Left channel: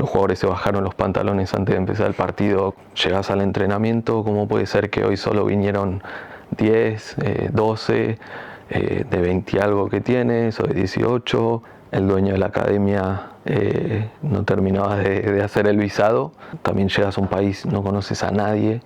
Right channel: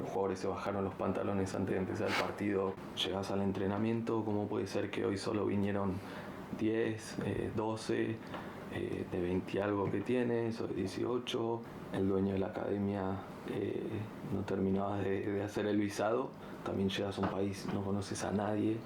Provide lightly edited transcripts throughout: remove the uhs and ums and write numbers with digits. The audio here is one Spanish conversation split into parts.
los jugadores se bajaron los pantalones antes de empezar el partido. Llegás al entrenamiento, ¿cómo puede ser que hoy solo vinieron 10, 12, de 20 y algo que tienes, o de 18? El dueño de la academia no terminaba de hacer el visado. También llegas a un país, no conoces a nadie,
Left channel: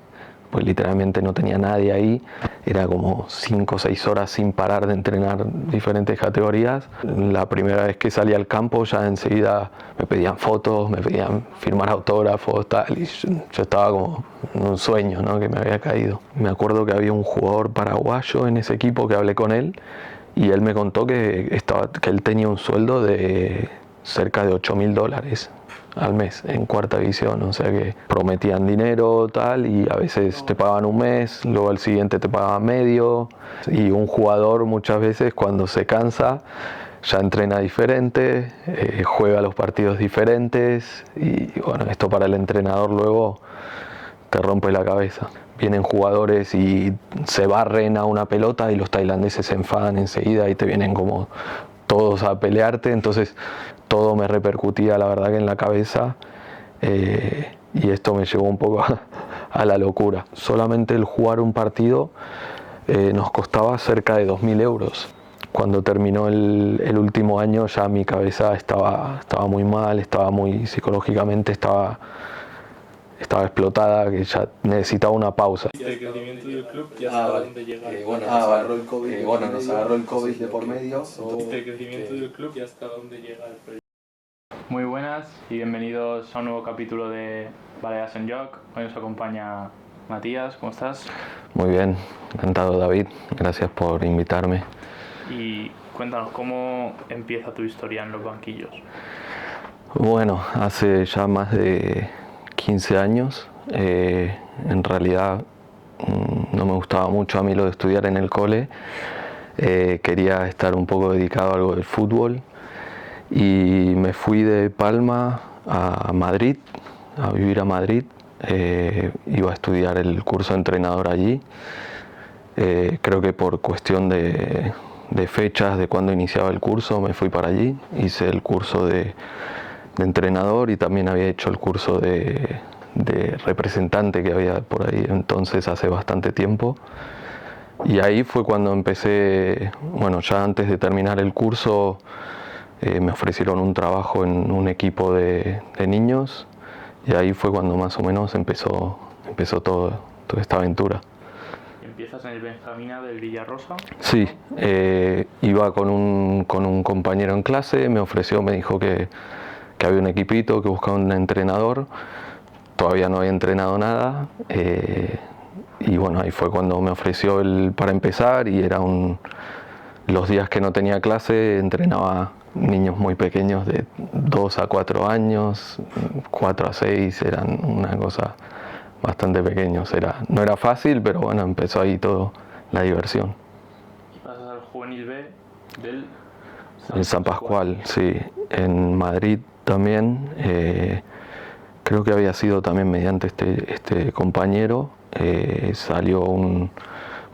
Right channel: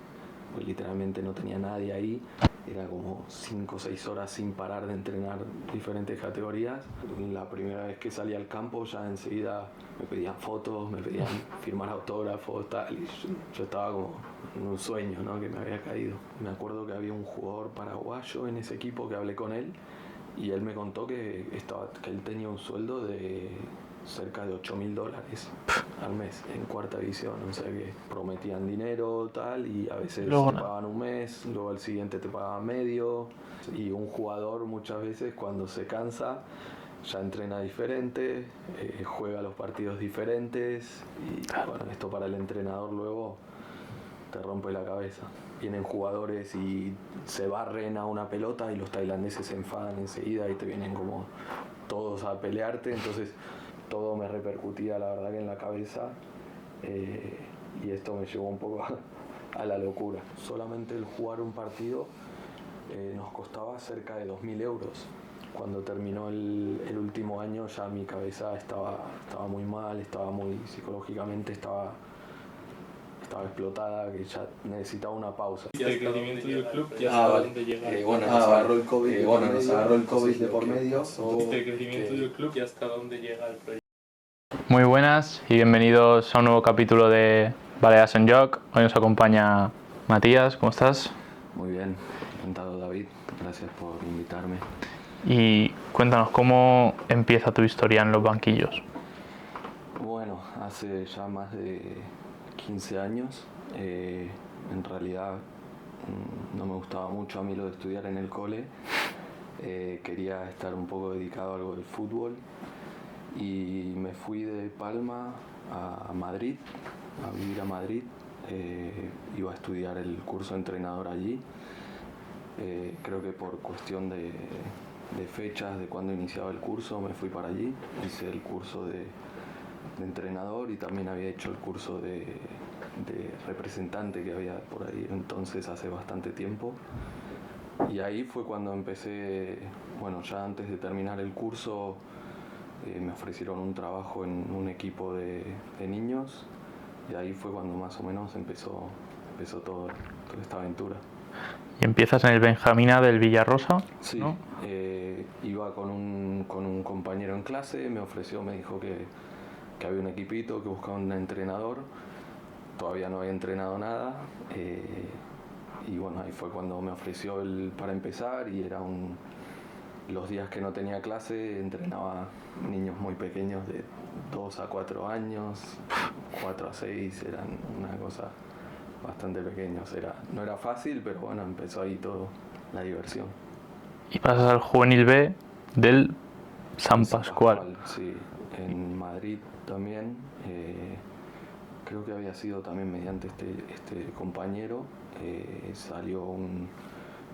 pues literalmente no tenía nadie ahí. Era como 5 o 6 horas sin parar de entrenar diferentes categorías. La primera vez que salí al campo ya enseguida me pedían fotos, me pedían firmar autógrafos, tal, y yo estaba como en un sueño, ¿no?, que me había caído. Me acuerdo que había un jugador paraguayo en ese equipo que hablé con él, y él me contó que él tenía un sueldo de cerca de $8.000 al mes en cuarta división, o sea que prometían dinero, tal, y a veces te pagaban un mes, luego al siguiente te pagaban medio, y un jugador muchas veces cuando se cansa ya entrena diferente, juega los partidos diferentes, y bueno, esto para el entrenador luego te rompe la cabeza. Vienen jugadores y se barren a una pelota y los tailandeses se enfadan enseguida y te vienen como todos a pelearte, entonces todo me repercutía la verdad que en la cabeza, y esto me llevó un poco a la locura. Solamente el jugar un partido nos costaba cerca de 2.000 euros. Cuando terminó el último año ya mi cabeza estaba muy mal, estaba muy psicológicamente, estaba explotada, que ya necesitaba una pausa. El crecimiento del club y hasta dónde llega. Nos agarró el COVID, de por medio. El crecimiento del club y hasta dónde llega el proyecto. Muy buenas y bienvenidos a un nuevo capítulo de Baleas en Joc. Hoy nos acompaña Matías, ¿cómo estás? Muy bien, encantado David, gracias por invitarme. Y cuéntanos, ¿cómo empieza tu historia en los banquillos? Bueno, hace ya más de 15 años, en realidad no me gustaba mucho a mí lo de estudiar en el cole, quería estar un poco dedicado a algo del fútbol y me fui de Palma a Madrid, a vivir a Madrid, iba a estudiar el curso de entrenador allí, creo que por cuestión de fechas de cuando iniciaba el curso me fui para allí, hice el curso de entrenador y también había hecho el curso de representante que había por ahí entonces hace bastante tiempo, y ahí fue cuando empecé, bueno, ya antes de terminar el curso me ofrecieron un trabajo en un equipo de niños, y ahí fue cuando más o menos empezó toda esta aventura. ¿Y empiezas en el Benjamina del Villarrosa? Sí, ¿no? iba con un compañero en clase, me dijo que había un equipito que buscaba un entrenador, todavía no había entrenado nada, y bueno, ahí fue cuando me ofreció para empezar, y era los días que no tenía clase entrenaba niños muy pequeños de 2 a 4 años, 4 a 6, eran una cosa bastante pequeños, no era fácil, pero bueno, empezó ahí todo la diversión. Y pasas al Juvenil B del San Pascual. Sí, en Madrid también, creo que había sido también mediante este compañero,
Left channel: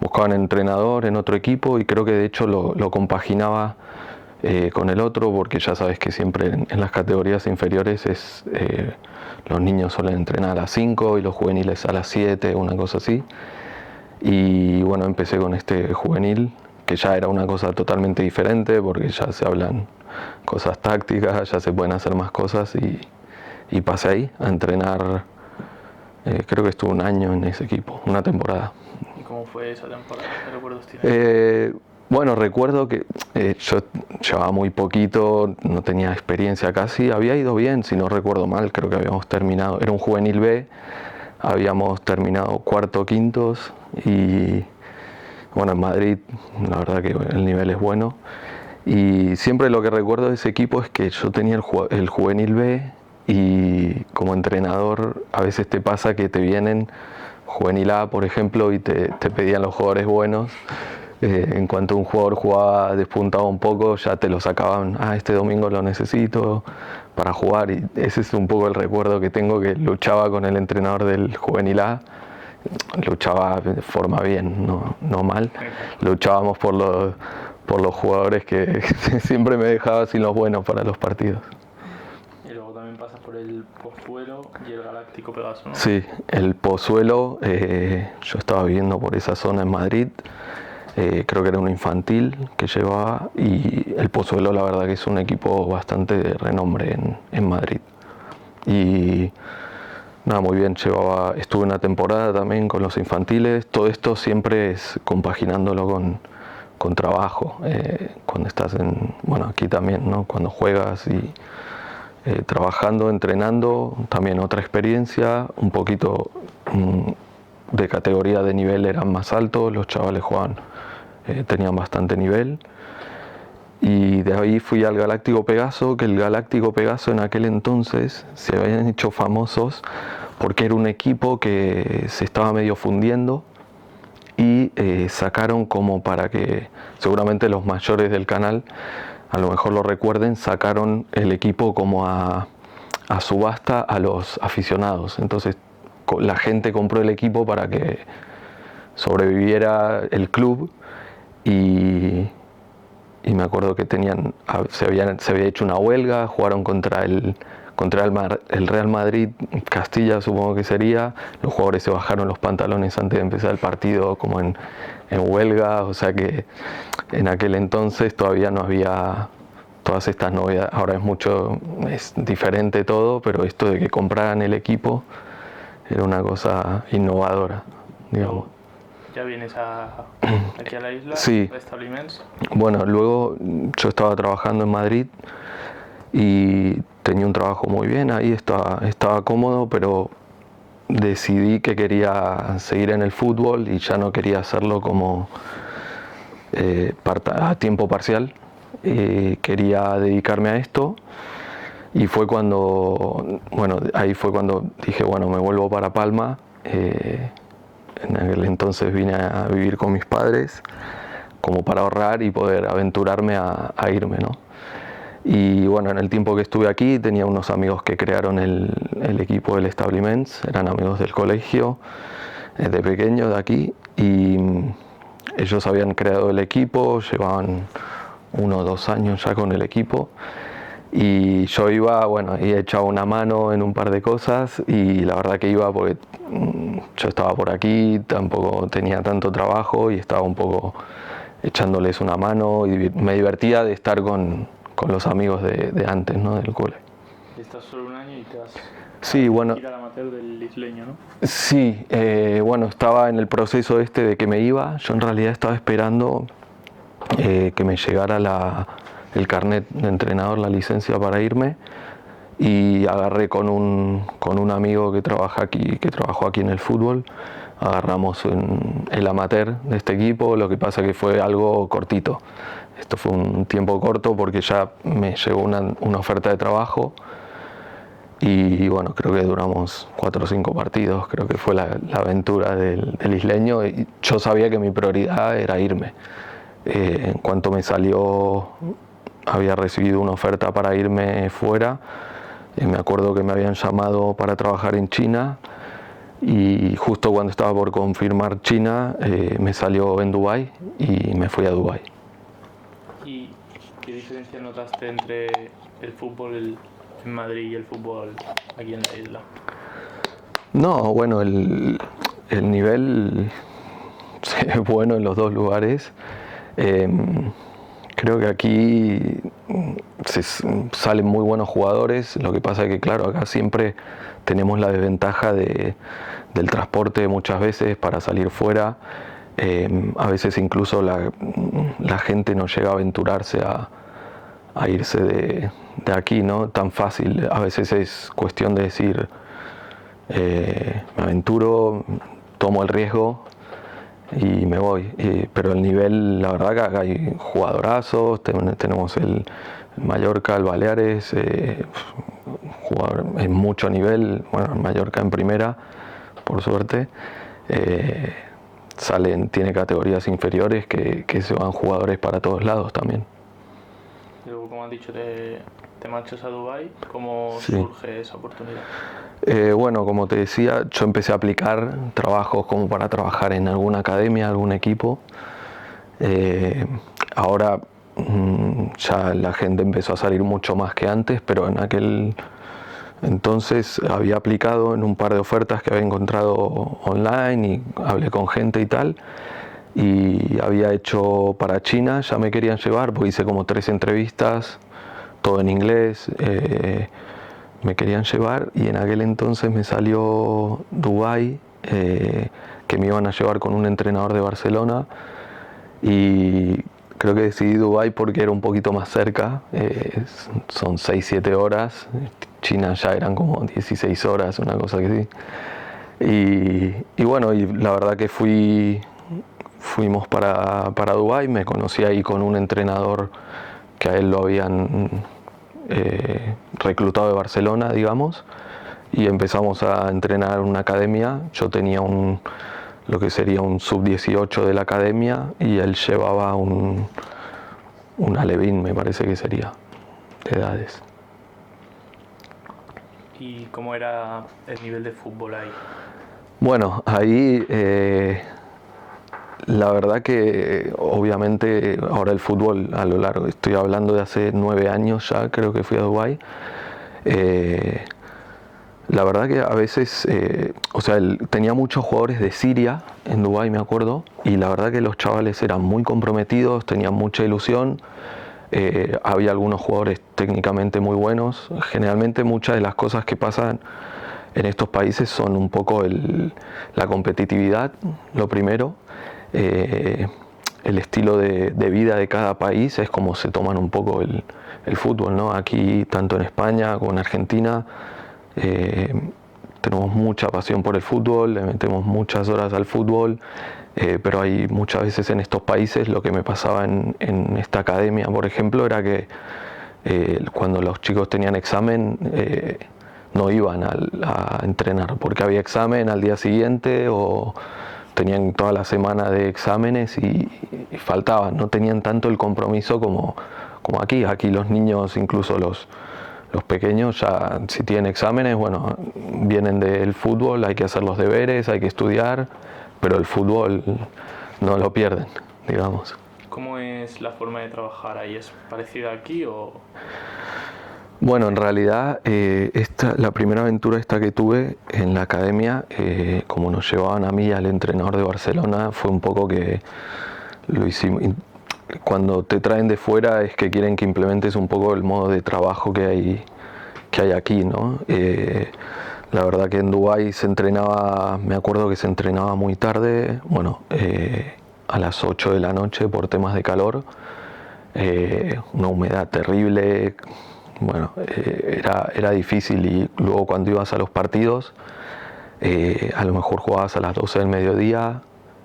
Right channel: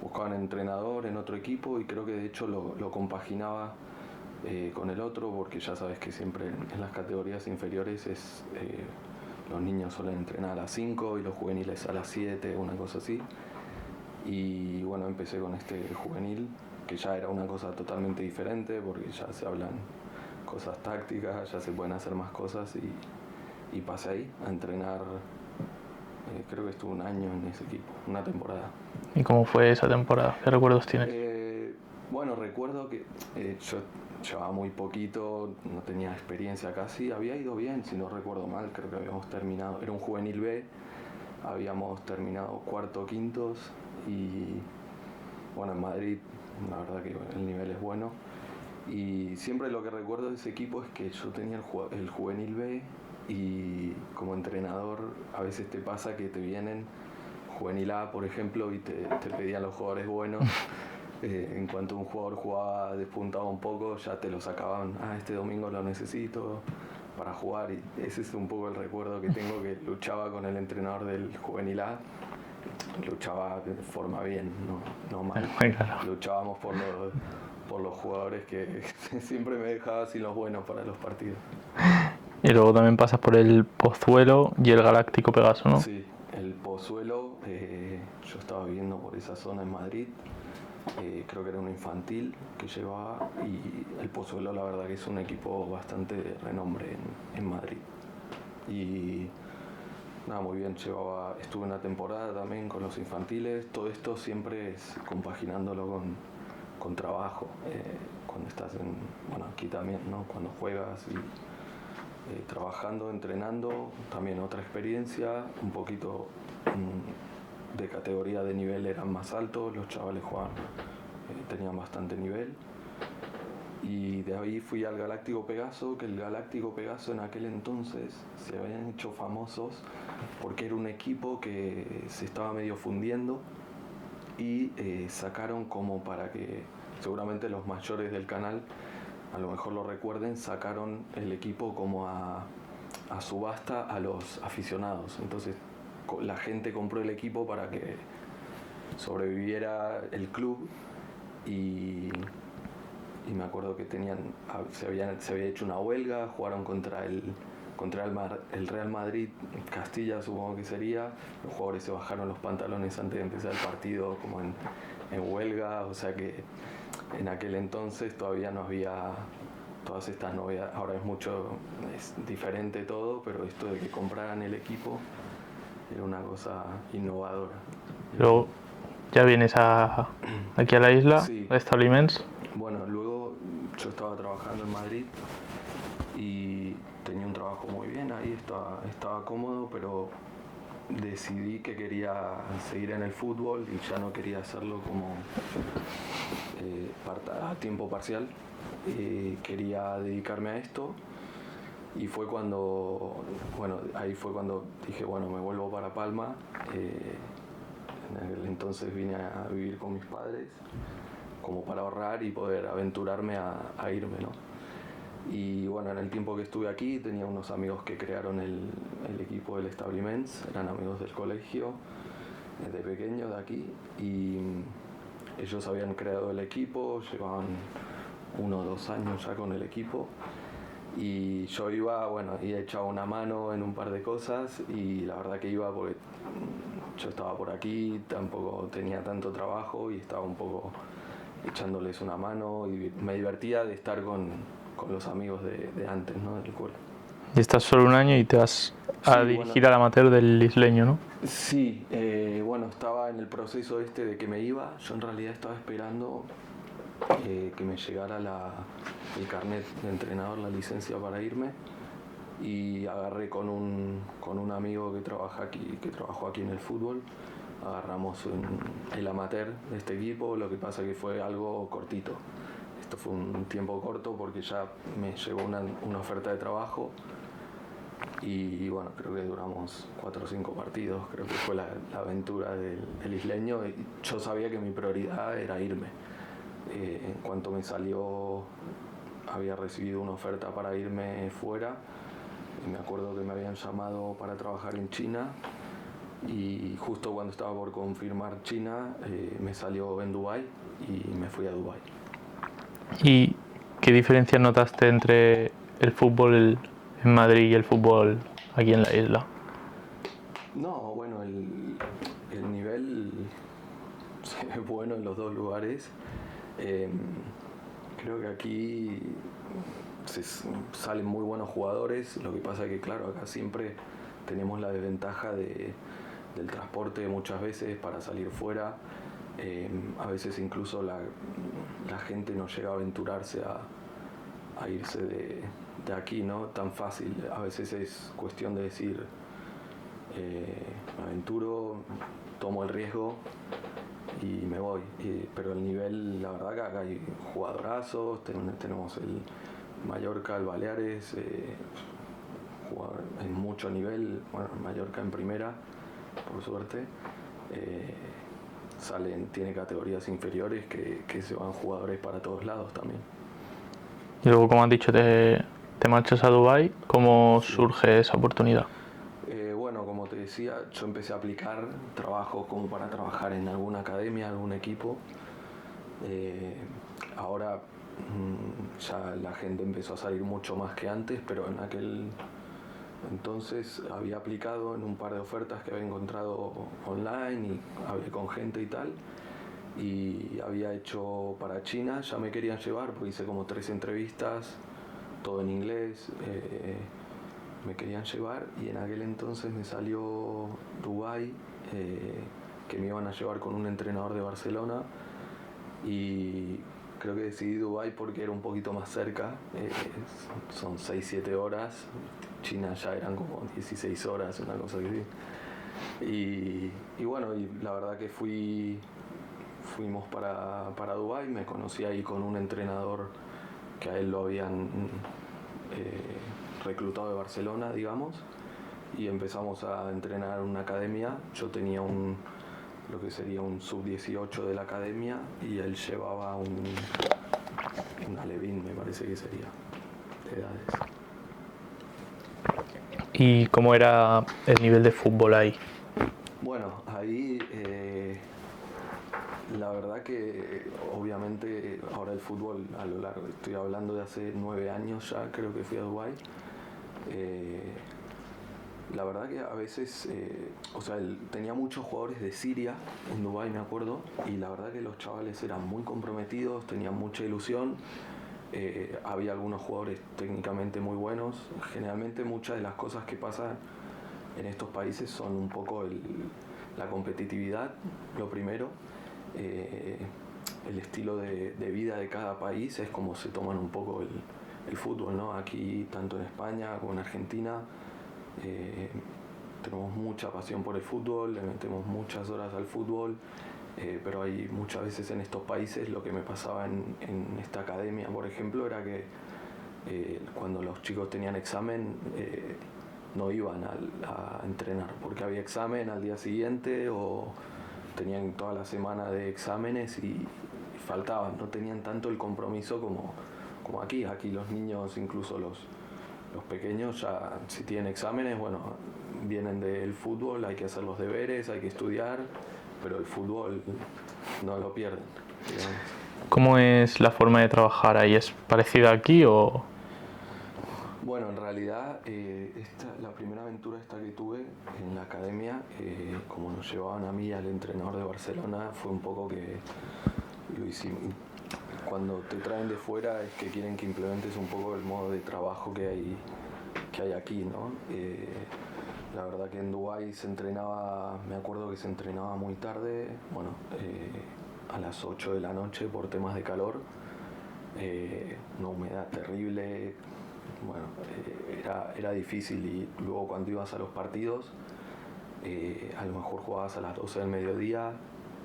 buscaban entrenador en otro equipo y creo que de hecho lo compaginaba con el otro, porque ya sabes que siempre en las categorías inferiores los niños suelen entrenar a las 5 y los juveniles a las 7, una cosa así. Y bueno, empecé con este juvenil, que ya era una cosa totalmente diferente, porque ya se hablan cosas tácticas, ya se pueden hacer más cosas, y pasé ahí a entrenar, creo que estuve un año en ese equipo, una temporada. ¿Y cómo fue esa temporada? ¿Qué recuerdos tienes? Bueno, recuerdo que yo llevaba muy poquito, no tenía experiencia casi, había ido bien, si no recuerdo mal, creo que habíamos terminado, era un juvenil B, habíamos terminado cuarto, quintos, y bueno, en Madrid la verdad que el nivel es bueno, y siempre lo que recuerdo de ese equipo es que yo tenía el juvenil B, y como entrenador a veces te pasa que te vienen juvenil A, por ejemplo, y te pedían los jugadores buenos. En cuanto un jugador despuntaba un poco, ya te lo sacaban, este domingo lo necesito para jugar, y ese es un poco el recuerdo que tengo, que luchaba con el entrenador del juvenil A, luchaba de forma bien, no mal, luchábamos por los jugadores que siempre me dejaba sin los buenos para los partidos. Y luego también pasas por el Pozuelo y el Galáctico Pegaso, ¿no? Sí, el Pozuelo, yo estaba viviendo por esa zona en Madrid, creo que era un infantil que llevaba, y el Pozuelo la verdad que es un equipo bastante de renombre en Madrid. Y nada, muy bien, estuve una temporada también con los infantiles, todo esto siempre es compaginándolo con trabajo, cuando estás bueno, aquí también, ¿no? Cuando juegas y trabajando, entrenando, también otra experiencia, un poquito de categoría de nivel eran más altos, los chavales tenían bastante nivel. Y de ahí fui al Galáctico Pegaso, que el Galáctico Pegaso en aquel entonces se habían hecho famosos porque era un equipo que se estaba medio fundiendo y sacaron como para que seguramente los mayores del canal a lo mejor lo recuerden, sacaron el equipo como a subasta a los aficionados. Entonces la gente compró el equipo para que sobreviviera el club y me acuerdo que se había hecho una huelga, jugaron contra el Real Madrid, Castilla supongo que sería, los jugadores se bajaron los pantalones antes de empezar el partido como en huelga, o sea que en aquel entonces todavía no había todas estas novedades, ahora es diferente todo, pero esto de que compraran el equipo era una cosa innovadora. Luego ya vienes aquí a la isla, sí. a Establiments. Bueno, luego yo estaba trabajando en Madrid y tenía un trabajo muy bien, ahí estaba cómodo, pero decidí que quería seguir en el fútbol y ya no quería hacerlo como a tiempo parcial. Quería dedicarme a esto y fue ahí fue cuando dije, bueno, me vuelvo para Palma. En aquel entonces vine a vivir con mis padres como para ahorrar y poder aventurarme a irme, ¿no? Y bueno, en el tiempo que estuve aquí tenía unos amigos que crearon el equipo del Establiments, eran amigos del colegio, de pequeño de aquí, y ellos habían creado el equipo, llevaban 1 o 2 años ya con el equipo, y yo iba, bueno, y echaba una mano en un par de cosas, y la verdad que iba porque yo estaba por aquí, tampoco tenía tanto trabajo y estaba un poco echándoles una mano y me divertía de estar con los amigos de antes, ¿no? Del cole. Y estás solo 1 año y te vas a Sí, dirigir bueno, al amateur del isleño, ¿no? Sí, bueno, estaba en el proceso de que me iba. Yo en realidad estaba esperando que me llegara el carnet de entrenador, la licencia para irme, y agarré con un amigo que trabajó aquí en el fútbol. Agarramos el amateur de este equipo, lo que pasa que fue algo cortito. Esto fue un tiempo corto porque ya me llegó una oferta de trabajo y bueno, creo que duramos 4 o 5 partidos, creo que fue la aventura del isleño, y yo sabía que mi prioridad era irme. En cuanto me salió, había recibido una oferta para irme fuera, me acuerdo que me habían llamado para trabajar en China y justo cuando estaba por confirmar China me salió en Dubái y me fui a Dubái. ¿Y qué diferencias notaste entre el fútbol en Madrid y el fútbol aquí en la isla? No, bueno, el nivel es bueno en los dos lugares. Creo que aquí salen muy buenos jugadores, lo que pasa es que claro, acá siempre tenemos la desventaja del transporte muchas veces para salir fuera. A veces incluso la gente no llega a aventurarse a irse de aquí, ¿no? Tan fácil. A veces es cuestión de decir, me aventuro, tomo el riesgo y me voy. Pero el nivel, la verdad que acá hay jugadorazos, tenemos el Mallorca, el Baleares, jugador en mucho nivel, bueno, Mallorca en primera, por suerte. Tiene categorías inferiores que se van jugadores para todos lados también. Y luego, como has dicho, te marchas a Dubái. ¿Cómo Sí. surge esa oportunidad? Bueno, como te decía, yo empecé a aplicar trabajos como para trabajar en alguna academia, algún equipo. Ahora ya la gente empezó a salir mucho más que antes, pero en aquel entonces había aplicado en un par de ofertas que había encontrado online y hablé con gente y tal, y había hecho para China, ya me querían llevar porque hice como 3 entrevistas, todo en inglés, me querían llevar, y en aquel entonces me salió Dubái, que me iban a llevar con un entrenador de Barcelona, y creo que decidí Dubái porque era un poquito más cerca, son 6-7 horas, China ya eran como 16 horas, una cosa que sí. Y bueno, y la verdad que fuimos para Dubái, me conocí ahí con un entrenador que a él lo habían reclutado de Barcelona, digamos, y empezamos a entrenar en una academia. Yo tenía lo que sería un sub-18 de la academia, y él llevaba un alevín, me parece que sería, de edades. ¿Y cómo era el nivel de fútbol ahí? Bueno, ahí la verdad que obviamente ahora el fútbol a lo largo, estoy hablando de hace 9 años ya, creo que fui a Dubái. La verdad que a veces, o sea, tenía muchos jugadores de Siria en Dubái, me acuerdo, y la verdad que los chavales eran muy comprometidos, tenían mucha ilusión. Había algunos jugadores técnicamente muy buenos. Generalmente muchas de las cosas que pasan en estos países son un poco la competitividad, lo primero. El estilo de vida de cada país es como se toman un poco el fútbol, ¿no? Aquí, tanto en España como en Argentina, tenemos mucha pasión por el fútbol, le metemos muchas horas al fútbol, pero hay muchas veces en estos países, lo que me pasaba en esta academia, por ejemplo, era que cuando los chicos tenían examen, no iban a entrenar porque había examen al día siguiente, o tenían toda la semana de exámenes y faltaban, no tenían tanto el compromiso como aquí. Aquí los niños, incluso los pequeños, ya si tienen exámenes, bueno, vienen del fútbol, hay que hacer los deberes, hay que estudiar, pero el fútbol no lo pierden, digamos. ¿Cómo es la forma de trabajar ahí? ¿Es parecida aquí o...? Bueno, en realidad la primera aventura esta que tuve en la academia, como nos llevaban a mí y al entrenador de Barcelona, fue un poco que lo hicimos. Cuando te traen de fuera es que quieren que implementes un poco el modo de trabajo que hay aquí, ¿no? La verdad que en Dubái se entrenaba, me acuerdo que se entrenaba muy tarde, bueno, a las 8 de la noche por temas de calor, una humedad terrible. Bueno, era difícil, y luego cuando ibas a los partidos, a lo mejor jugabas a las 12 del mediodía,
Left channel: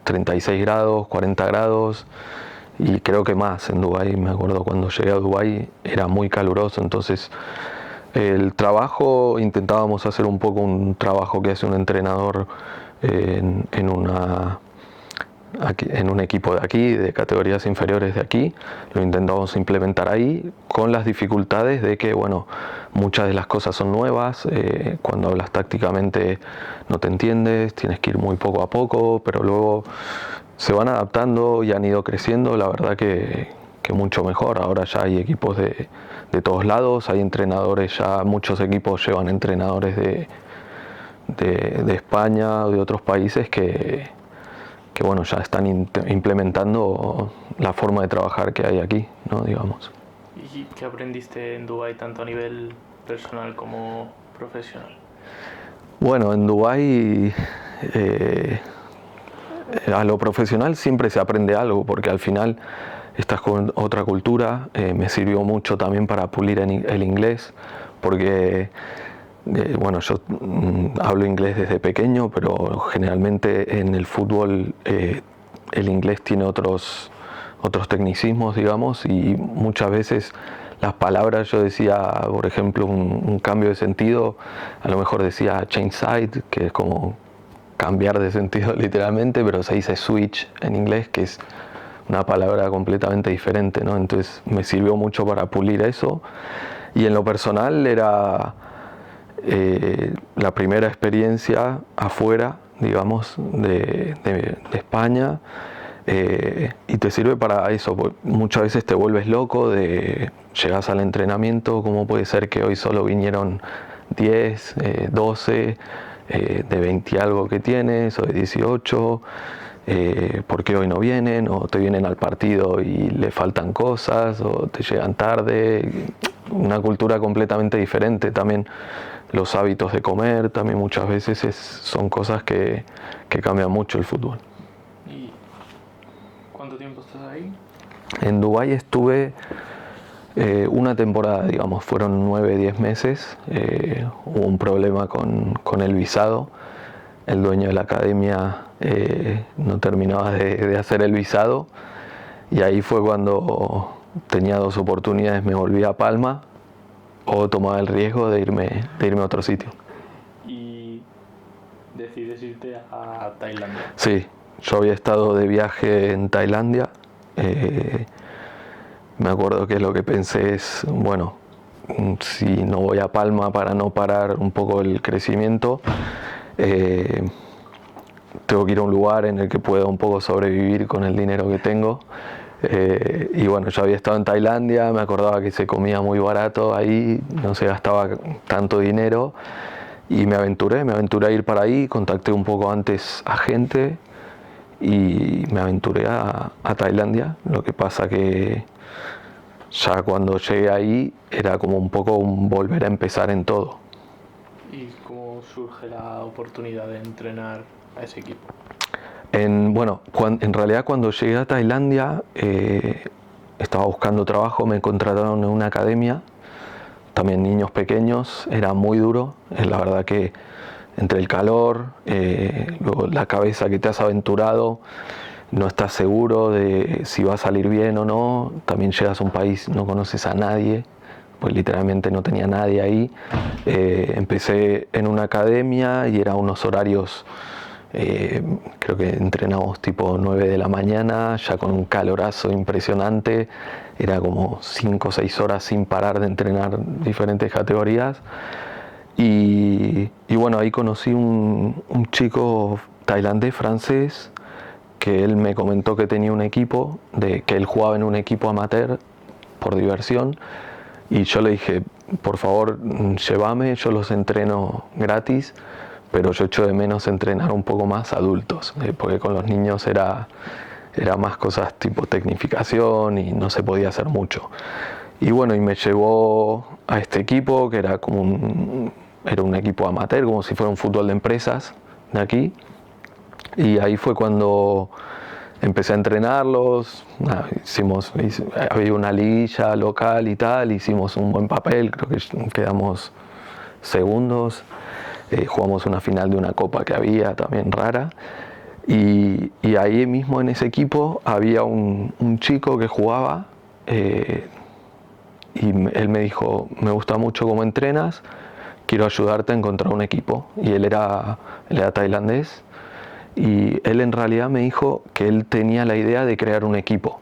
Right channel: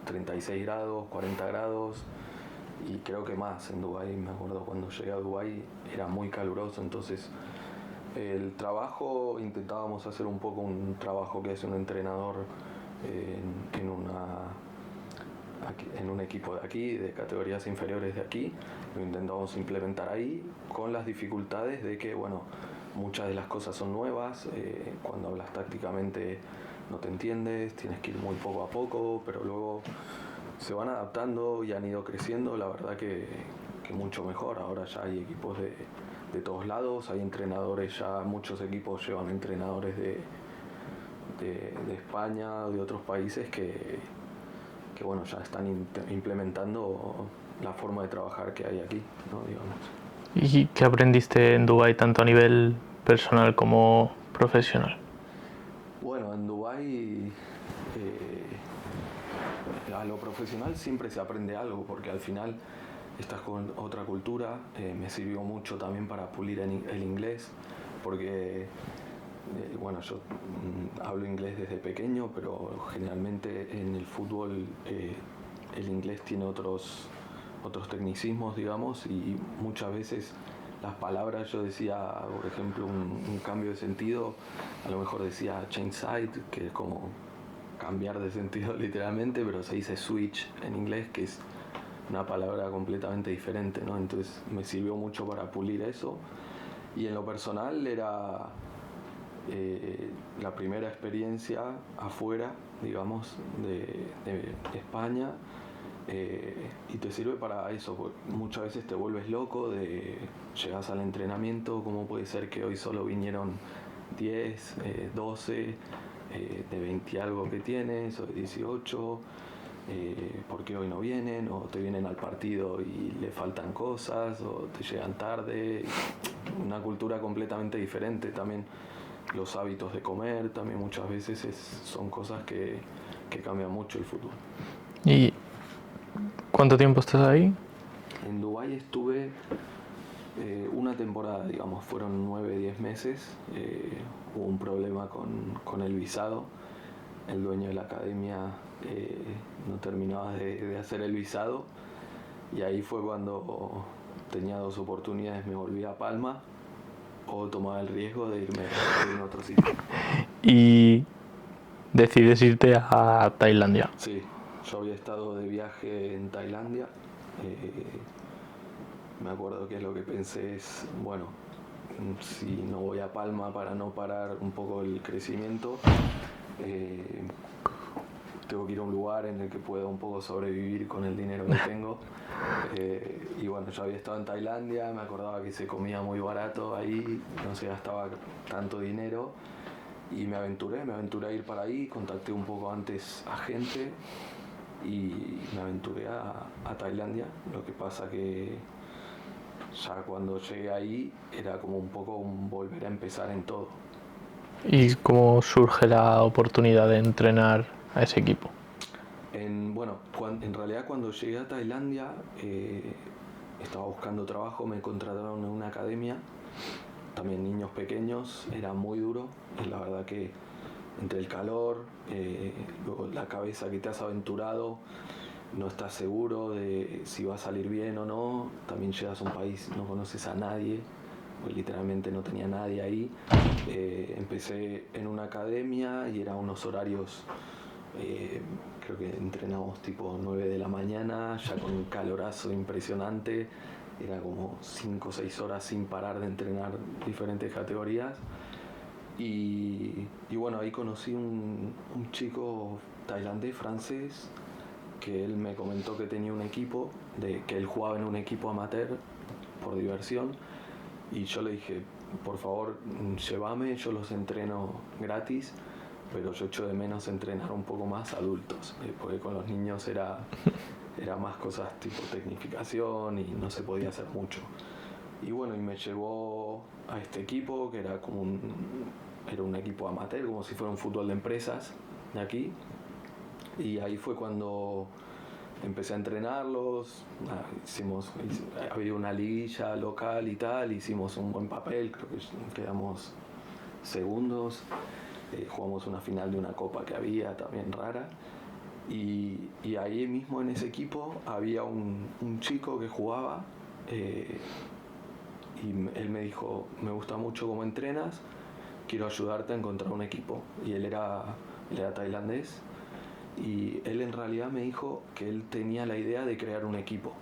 36 grados, 40 grados, y creo que más en Dubái. Me acuerdo cuando llegué a Dubái era muy caluroso, entonces el trabajo, intentábamos hacer un poco un trabajo que hace un entrenador en un equipo de aquí, de categorías inferiores de aquí. Lo intentamos implementar ahí, con las dificultades de que, bueno, muchas de las cosas son nuevas. Cuando hablas tácticamente no te entiendes, tienes que ir muy poco a poco, pero luego se van adaptando y han ido creciendo. La verdad que mucho mejor. Ahora ya hay equipos de todos lados, hay entrenadores, ya muchos equipos llevan entrenadores de España o de otros países que bueno, ya están implementando la forma de trabajar que hay aquí, ¿no? Digamos. ¿Y qué aprendiste en Dubái tanto a nivel personal como profesional? Bueno, en Dubái a lo profesional siempre se aprende algo, porque al final estás con otra cultura. Me sirvió mucho también para pulir el inglés, porque bueno, yo hablo inglés desde pequeño, pero generalmente en el fútbol el inglés tiene otros tecnicismos, digamos, y muchas veces las palabras, yo decía, por ejemplo, un cambio de sentido, a lo mejor decía change side, que es como cambiar de sentido literalmente, pero se dice switch en inglés, que es una palabra completamente diferente, ¿no? Entonces me sirvió mucho para pulir eso. Y en lo personal era la primera experiencia afuera, digamos, de España. Y te sirve para eso, porque muchas veces te vuelves loco de llegas al entrenamiento, ¿cómo puede ser que hoy solo vinieron 10, 12, de 20 y algo que tienes, o de 18? ¿Por qué hoy no vienen? O te vienen al partido y le faltan cosas, o te llegan tarde. Una cultura completamente diferente. También los hábitos de comer, también muchas veces son cosas que cambian mucho el fútbol. ¿Y cuánto tiempo estás ahí? En Dubái estuve una temporada, digamos, fueron 9, 10 meses. Hubo un problema con el visado. El dueño de la academia no terminaba de hacer el visado, y ahí fue cuando tenía 2 oportunidades: me volví a Palma o tomaba el riesgo de irme a otro sitio. Y decides irte a Tailandia. Sí, yo había estado de viaje en Tailandia. Me acuerdo que lo que pensé es, bueno, si no voy a Palma para no parar un poco el crecimiento, tengo que ir a un lugar en el que pueda un poco sobrevivir con el dinero que tengo. Y bueno, yo había estado en Tailandia, me acordaba que se comía muy barato ahí, no se gastaba tanto dinero, y me aventuré a ir para ahí. Contacté un poco antes a gente y me aventuré a Tailandia. Lo que pasa que ya cuando llegué ahí era como un poco un volver a empezar en todo. ¿Y cómo surge la oportunidad de entrenar a ese equipo? En realidad, cuando llegué a Tailandia, estaba buscando trabajo, me contrataron en una academia, también niños pequeños, era muy duro. La verdad que entre el calor, luego la cabeza que te has aventurado, no estás seguro de si va a salir bien o no. También llegas a un país, no conoces a nadie, pues literalmente no tenía nadie ahí. Empecé en una academia y eran unos horarios, creo que entrenamos tipo 9 de la mañana, ya con un calorazo impresionante. Era como 5 o 6 horas sin parar de entrenar diferentes categorías. Y bueno, ahí conocí un chico tailandés, francés, que él me comentó que tenía un equipo, que él jugaba en un equipo amateur por diversión. Y yo le dije, por favor, llévame, yo los entreno gratis, pero yo echo de menos entrenar un poco más adultos, porque con los niños era más cosas tipo tecnificación y no se podía hacer mucho. Y bueno, y me llevó a este equipo, que era era un equipo amateur, como si fuera un fútbol de empresas de aquí. Y ahí fue cuando empecé a entrenarlos. Había una liguilla local y tal, hicimos un buen papel, creo que quedamos segundos. Jugamos una final de una copa que había también rara. Y ahí mismo en ese equipo había un chico que jugaba, y él me dijo, me gusta mucho cómo entrenas, quiero ayudarte a encontrar un equipo. Y él era tailandés, y él en realidad me dijo que él tenía la idea de crear un equipo.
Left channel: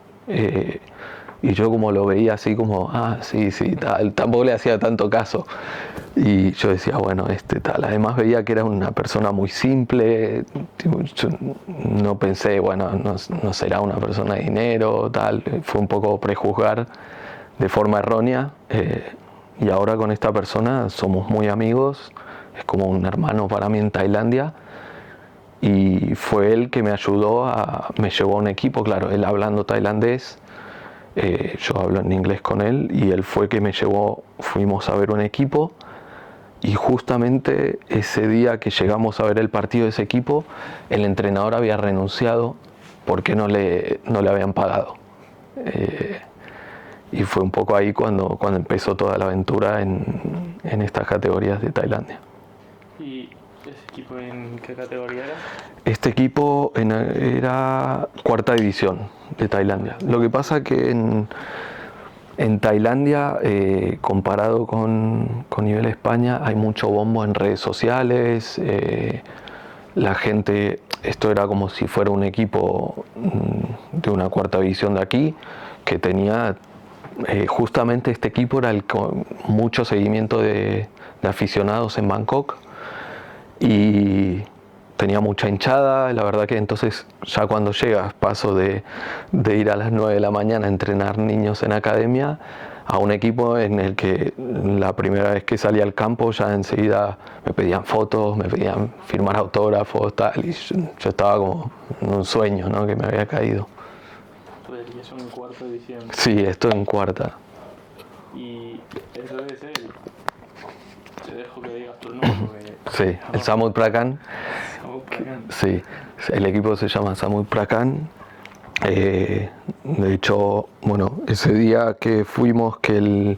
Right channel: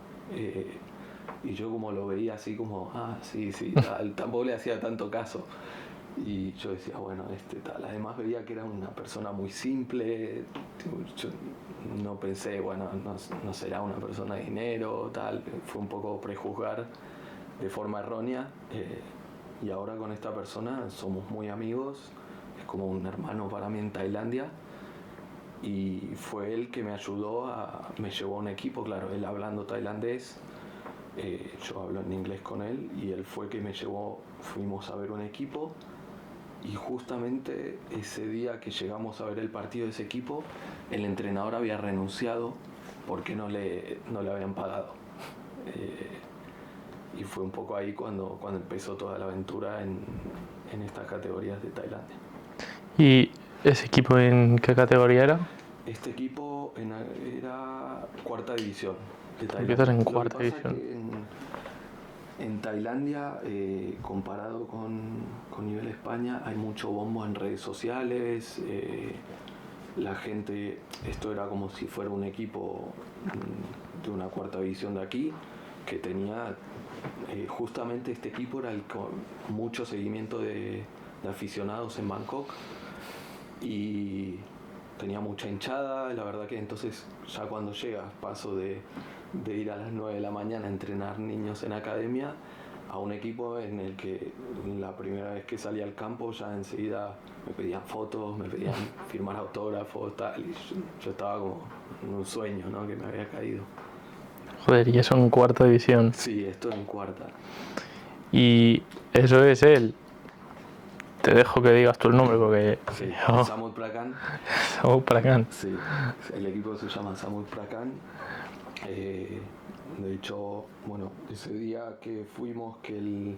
Y yo como lo veía así como, sí, tal, tampoco le hacía tanto caso. Y yo decía, bueno, tal. Además veía que era una persona muy simple. Yo no pensé, bueno, no será una persona de dinero, tal. Fue un poco prejuzgar de forma errónea. Y ahora con esta persona somos muy amigos. Es como un hermano para mí en Tailandia. Y fue él que me ayudó, me llevó a un equipo, claro, él hablando tailandés, yo hablo en inglés con él, y él fue que me llevó, fuimos a ver un equipo, y justamente ese día que llegamos a ver el partido de ese equipo, el entrenador había renunciado porque no le habían pagado. Y fue un poco ahí cuando empezó toda la aventura en estas categorías de Tailandia. ¿Y ese equipo en qué categoría era? Este equipo era 4ª división de Tailandia. Lo que pasa es que en Tailandia, comparado con nivel España, hay mucho bombo en redes sociales. La gente, esto era como si fuera un equipo de una 4ª división de aquí, que tenía, justamente este equipo era con mucho seguimiento de aficionados en Bangkok. Y tenía mucha hinchada, la verdad que entonces ya cuando llegas paso de ir a las 9 de la mañana a entrenar niños en academia a un equipo en el que la primera vez que salí al campo ya enseguida me pedían fotos, me pedían firmar autógrafos, tal, y yo estaba como en un sueño, ¿no?, que me había caído. Joder, y eso en cuarta división. Sí, esto en cuarta. Y eso es él. Te dejo que digas tú el nombre porque... Sí, el Samut Prakan. Samut Prakan. Sí, el equipo se llama Samut Prakan. De hecho, bueno, ese día que fuimos, que el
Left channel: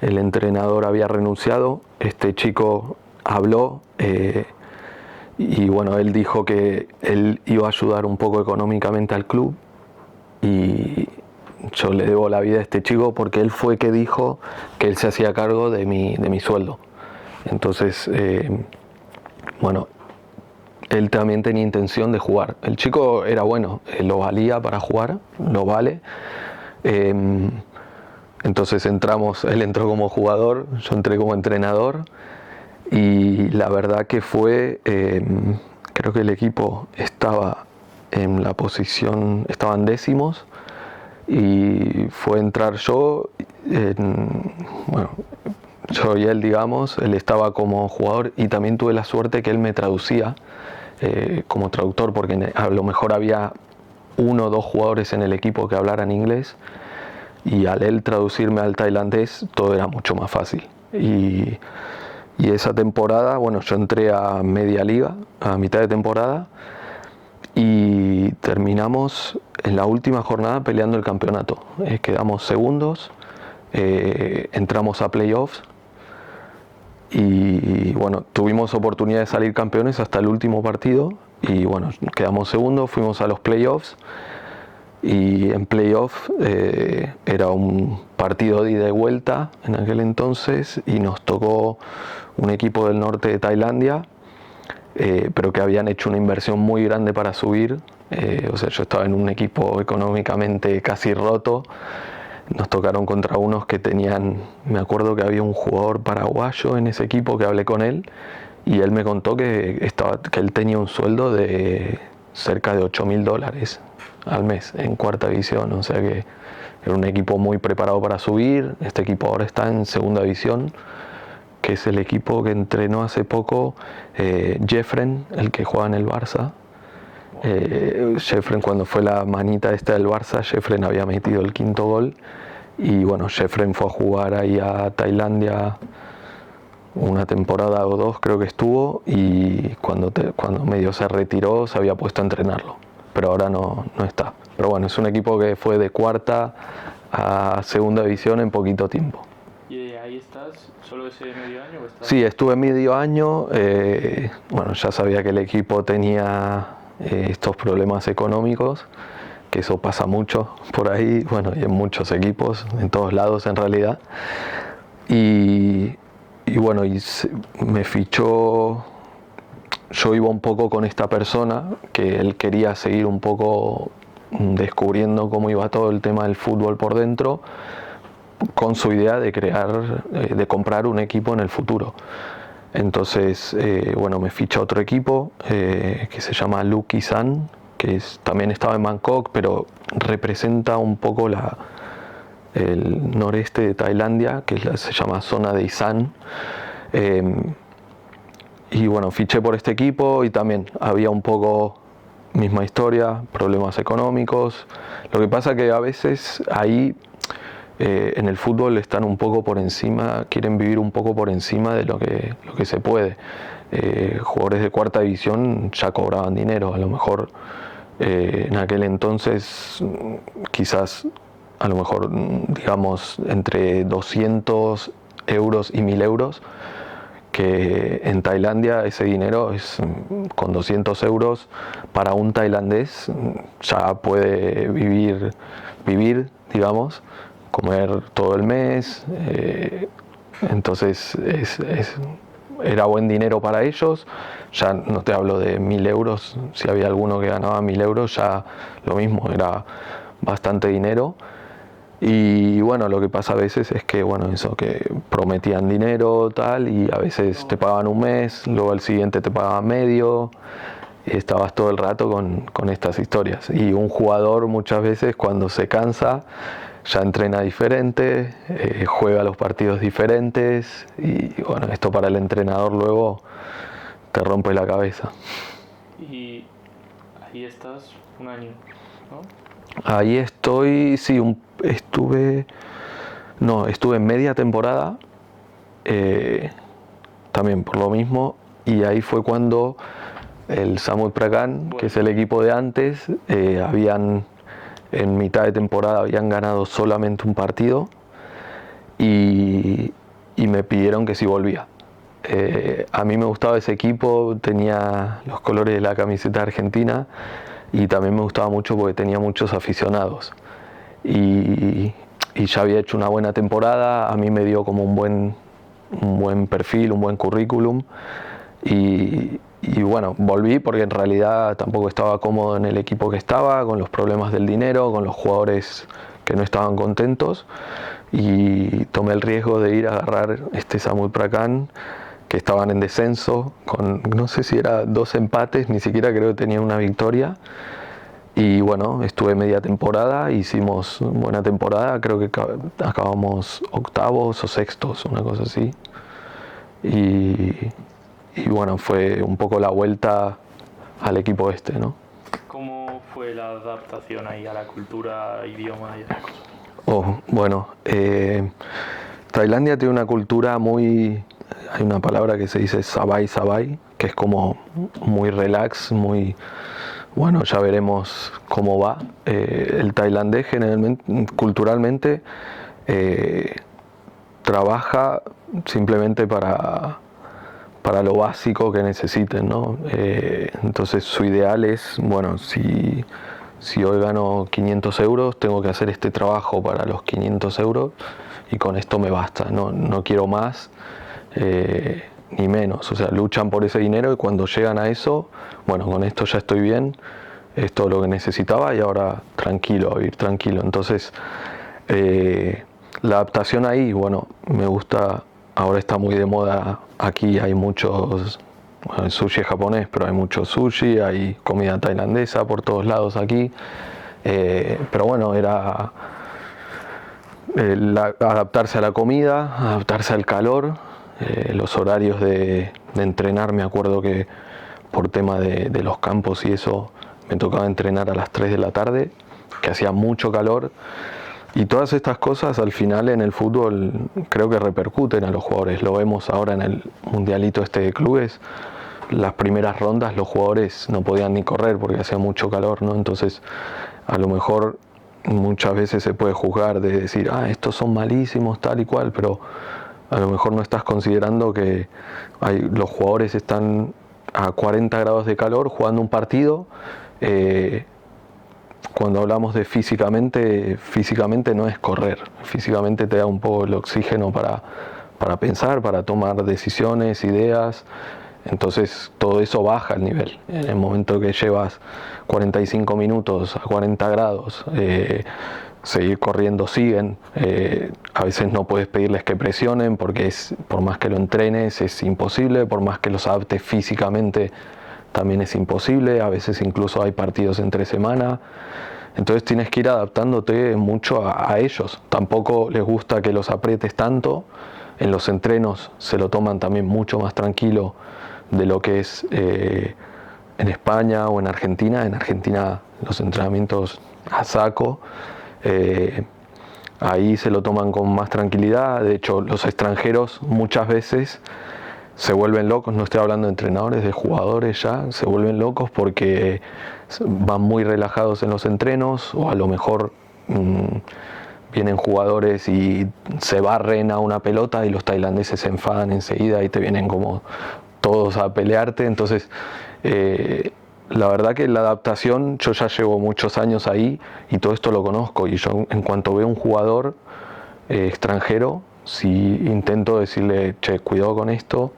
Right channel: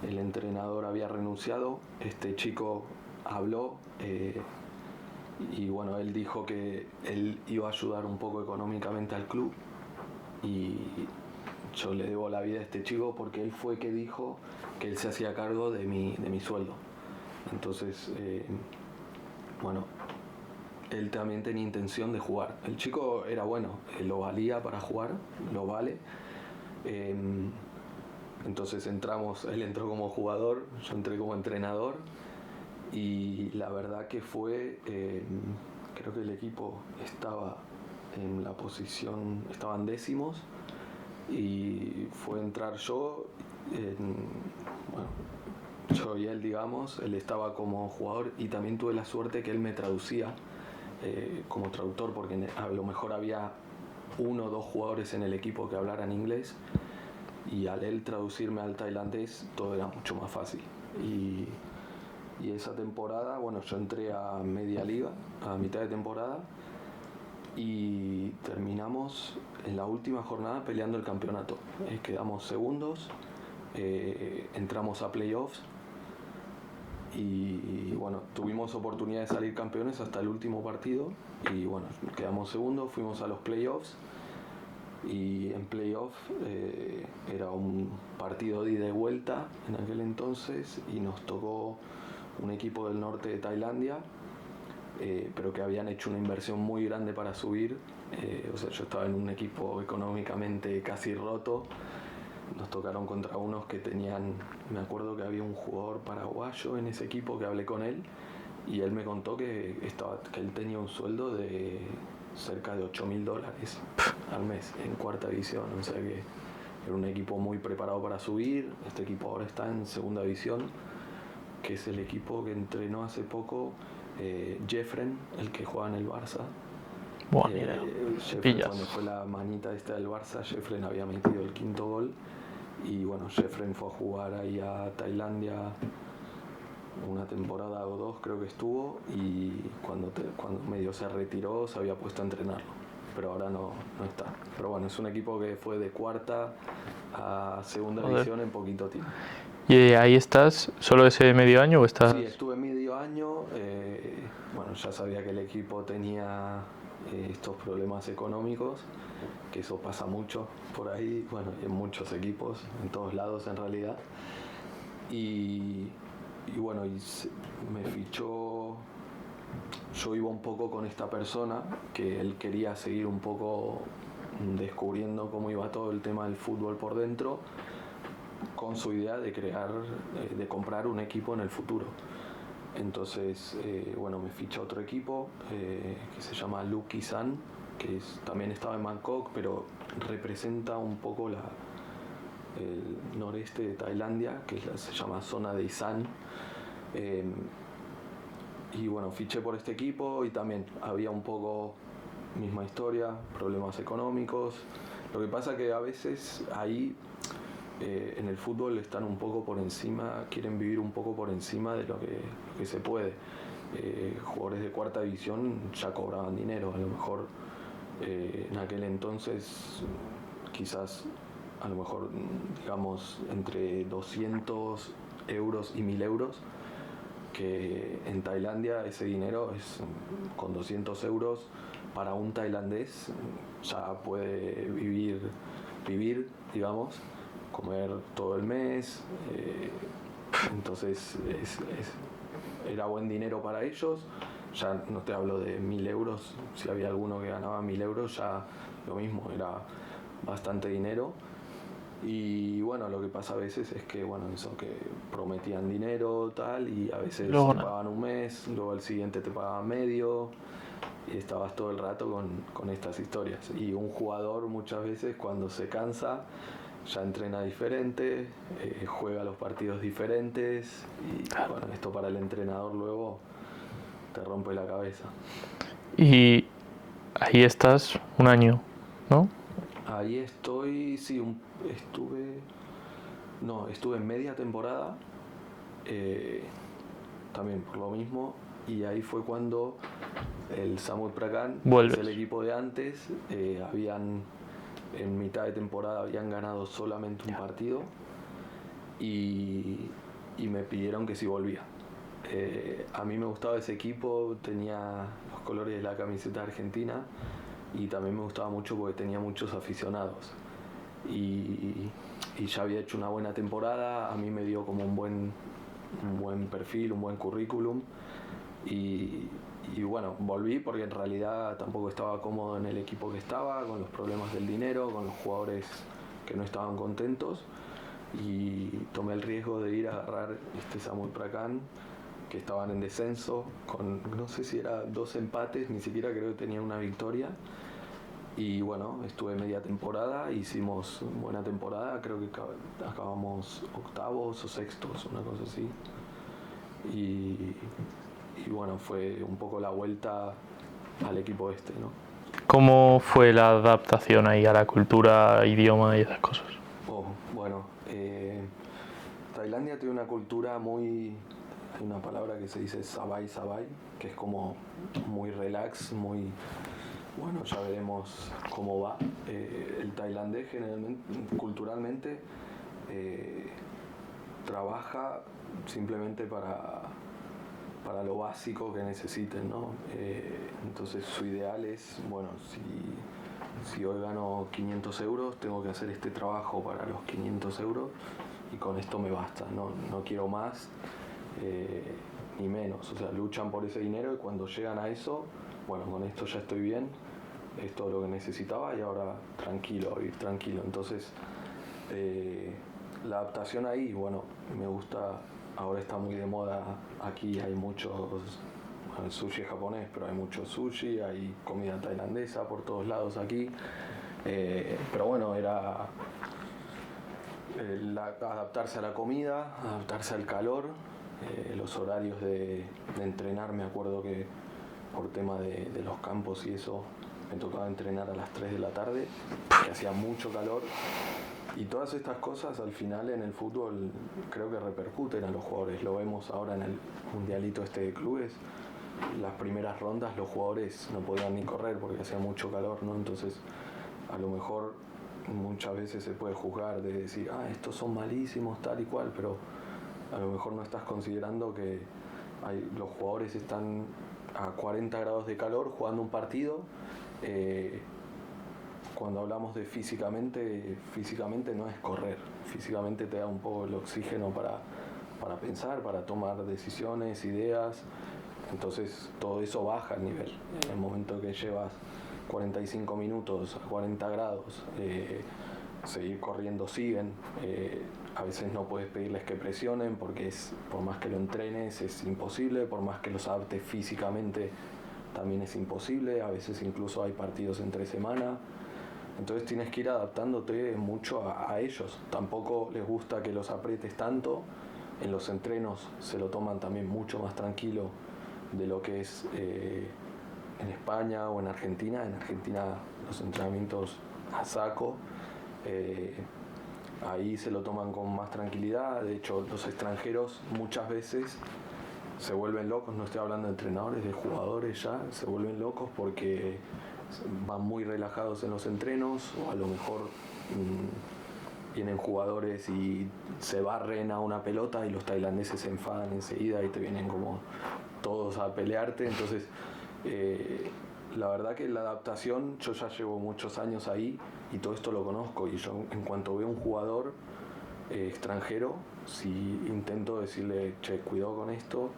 entrenador había renunciado, este chico habló y bueno, él dijo que él iba a ayudar un poco económicamente al club, y yo le debo la vida a este chico porque él fue que dijo que él se hacía cargo de mi sueldo. Entonces, bueno, él también tenía intención de jugar. El chico era bueno, lo valía para jugar, lo vale. Entonces él entró como jugador, yo entré como entrenador, y la verdad que fue, creo que el equipo estaba en la posición, estaban décimos, y fue entrar yo, bueno, yo y él, digamos, él estaba como jugador y también tuve la suerte que él me traducía como traductor, porque a lo mejor había 1 o 2 jugadores en el equipo que hablaran inglés, y al él traducirme al tailandés todo era mucho más fácil. Y esa temporada, bueno, yo entré a media liga, a mitad de temporada, y terminamos en la última jornada peleando el campeonato. Quedamos segundos, entramos a playoffs y bueno, tuvimos oportunidad de salir campeones hasta el último partido, y bueno, quedamos segundos, fuimos a los playoffs, y en playoff era un partido de ida y vuelta en aquel entonces, y nos tocó un equipo del norte de Tailandia, pero que habían hecho una inversión muy grande para subir. O sea, yo estaba en un equipo económicamente casi roto. Nos tocaron contra unos que tenían, me acuerdo que había un jugador paraguayo en ese equipo, que hablé con él y él me contó que él tenía un sueldo de cerca de $8.000 al mes en cuarta división. O sea que era un equipo muy preparado para subir. Este equipo ahora está en segunda división, que es el equipo que entrenó hace poco Jeffren, el que juega en el Barça. Jeffren, cuando fue la manita esta del Barça, Jeffren había metido el 5.º gol, y bueno, Jeffren fue a jugar ahí a Tailandia una temporada o 2, creo que estuvo, y cuando medio se retiró se había puesto a entrenarlo, pero ahora no está. Pero bueno, es un equipo que fue de cuarta a segunda división en poquito tiempo. ¿Y ahí estás solo ese medio año o estás...? Sí, estuve medio año. Bueno, ya sabía que el equipo tenía estos problemas económicos, que eso pasa mucho por ahí, bueno, y en muchos equipos, en todos lados en realidad. Y bueno, me fichó, yo iba un poco con esta persona, que él quería seguir un poco descubriendo cómo iba todo el tema del fútbol por dentro, con su idea de comprar un equipo en el futuro. Entonces, bueno, me ficha otro equipo que se llama Lucky San, que también estaba en Bangkok, pero representa un poco el noreste de Tailandia, que se llama zona de Isan. Y bueno, fiché por este equipo, y también había un poco misma historia, problemas económicos. Lo que pasa que a veces ahí en el fútbol están un poco por encima, quieren vivir un poco por encima de lo que se puede. Jugadores de cuarta división ya cobraban dinero, a lo mejor en aquel entonces quizás a lo mejor digamos entre 200 euros y 1.000 euros, que en Tailandia ese dinero es, con 200 euros para un tailandés ya puede vivir, digamos, comer todo el mes. Entonces era buen dinero para ellos. Ya no te hablo de 1.000 euros, si había alguno que ganaba 1.000 euros, ya lo mismo, era bastante dinero. Y bueno, lo que pasa a veces es que, bueno, eso, que prometían dinero, tal, y a veces te pagaban un mes, luego al siguiente te pagaban medio, y estabas todo el rato con estas historias. Y un jugador muchas veces cuando se cansa ya entrena diferente, juega los partidos diferentes, y bueno, esto para el entrenador luego te rompe la cabeza. Y ahí estás un año, ¿no? Ahí estoy, sí, estuve media temporada, también por lo mismo, y ahí fue cuando el Samut Prakan, que es el equipo de antes, en mitad de temporada habían ganado solamente un partido y me pidieron que si volvía. A mí me gustaba ese equipo, tenía los colores de la camiseta argentina y también me gustaba mucho porque tenía muchos aficionados. Y ya había hecho una buena temporada, a mí me dio como un buen perfil, un buen currículum. Y bueno, volví porque en realidad tampoco estaba cómodo en el equipo que estaba, con los problemas del dinero, con los jugadores que no estaban contentos, y tomé el riesgo de ir a agarrar este Samut Prakan, que estaban en descenso, con no sé si era 2 empates, ni siquiera creo que tenía una victoria. Y bueno, estuve media temporada, hicimos buena temporada, creo que acabamos 8º o 6º, una cosa así. Y bueno, fue un poco la vuelta al equipo este, ¿no? ¿Cómo fue la adaptación ahí a la cultura, idioma y esas cosas? Bueno, Tailandia tiene una cultura hay una palabra que se dice sabai sabai, que es como muy relax, muy, bueno, ya veremos cómo va. El tailandés generalmente, culturalmente, trabaja simplemente para lo básico que necesiten, ¿no? Entonces su ideal es, bueno, si hoy gano 500 euros, tengo que hacer este trabajo para los 500 euros y con esto me basta, no quiero más ni menos. O sea, luchan por ese dinero y cuando llegan a eso, bueno, con esto ya estoy bien, es todo lo que necesitaba y ahora tranquilo, a vivir tranquilo. Entonces, la adaptación ahí, bueno, me gusta. Ahora está muy de moda, aquí hay muchos, bueno, el sushi es japonés, pero hay mucho sushi, hay comida tailandesa por todos lados aquí. Pero bueno, era adaptarse a la comida, adaptarse al calor, los horarios de entrenar. Me acuerdo que por tema de los campos y eso, me tocaba entrenar a las 3 de la tarde, que hacía mucho calor. Y todas estas cosas al final en el fútbol creo que repercuten a los jugadores. Lo vemos ahora en el mundialito este de clubes. Las primeras rondas los jugadores no podían ni correr porque hacía mucho calor, ¿no? Entonces a lo mejor muchas veces se puede juzgar de decir, estos son malísimos, tal y cual, pero a lo mejor no estás considerando que los jugadores están a 40 grados de calor jugando un partido. Cuando hablamos de físicamente no es correr, físicamente te da un poco el oxígeno para pensar, para tomar decisiones, ideas. Entonces todo eso baja el nivel. En el momento que llevas 45 minutos a 40 grados, seguir corriendo siguen. A veces no puedes pedirles que presionen porque por más que lo entrenes es imposible, por más que los adaptes físicamente también es imposible. A veces incluso hay partidos entre semana. Entonces tienes que ir adaptándote mucho a ellos. Tampoco les gusta que los aprietes tanto. En los entrenos se lo toman también mucho más tranquilo de lo que es en España o en Argentina. En Argentina los entrenamientos a saco. Ahí se lo toman con más tranquilidad. De hecho, los extranjeros muchas veces se vuelven locos. No estoy hablando de entrenadores, de jugadores ya. Se vuelven locos porque van muy relajados en los entrenos, o a lo mejor vienen jugadores y se barren a una pelota y los tailandeses se enfadan enseguida y te vienen como todos a pelearte. Entonces la verdad que la adaptación, yo ya llevo muchos años ahí y todo esto lo conozco, y yo en cuanto veo un jugador extranjero, si intento decirle, che, cuidado con esto,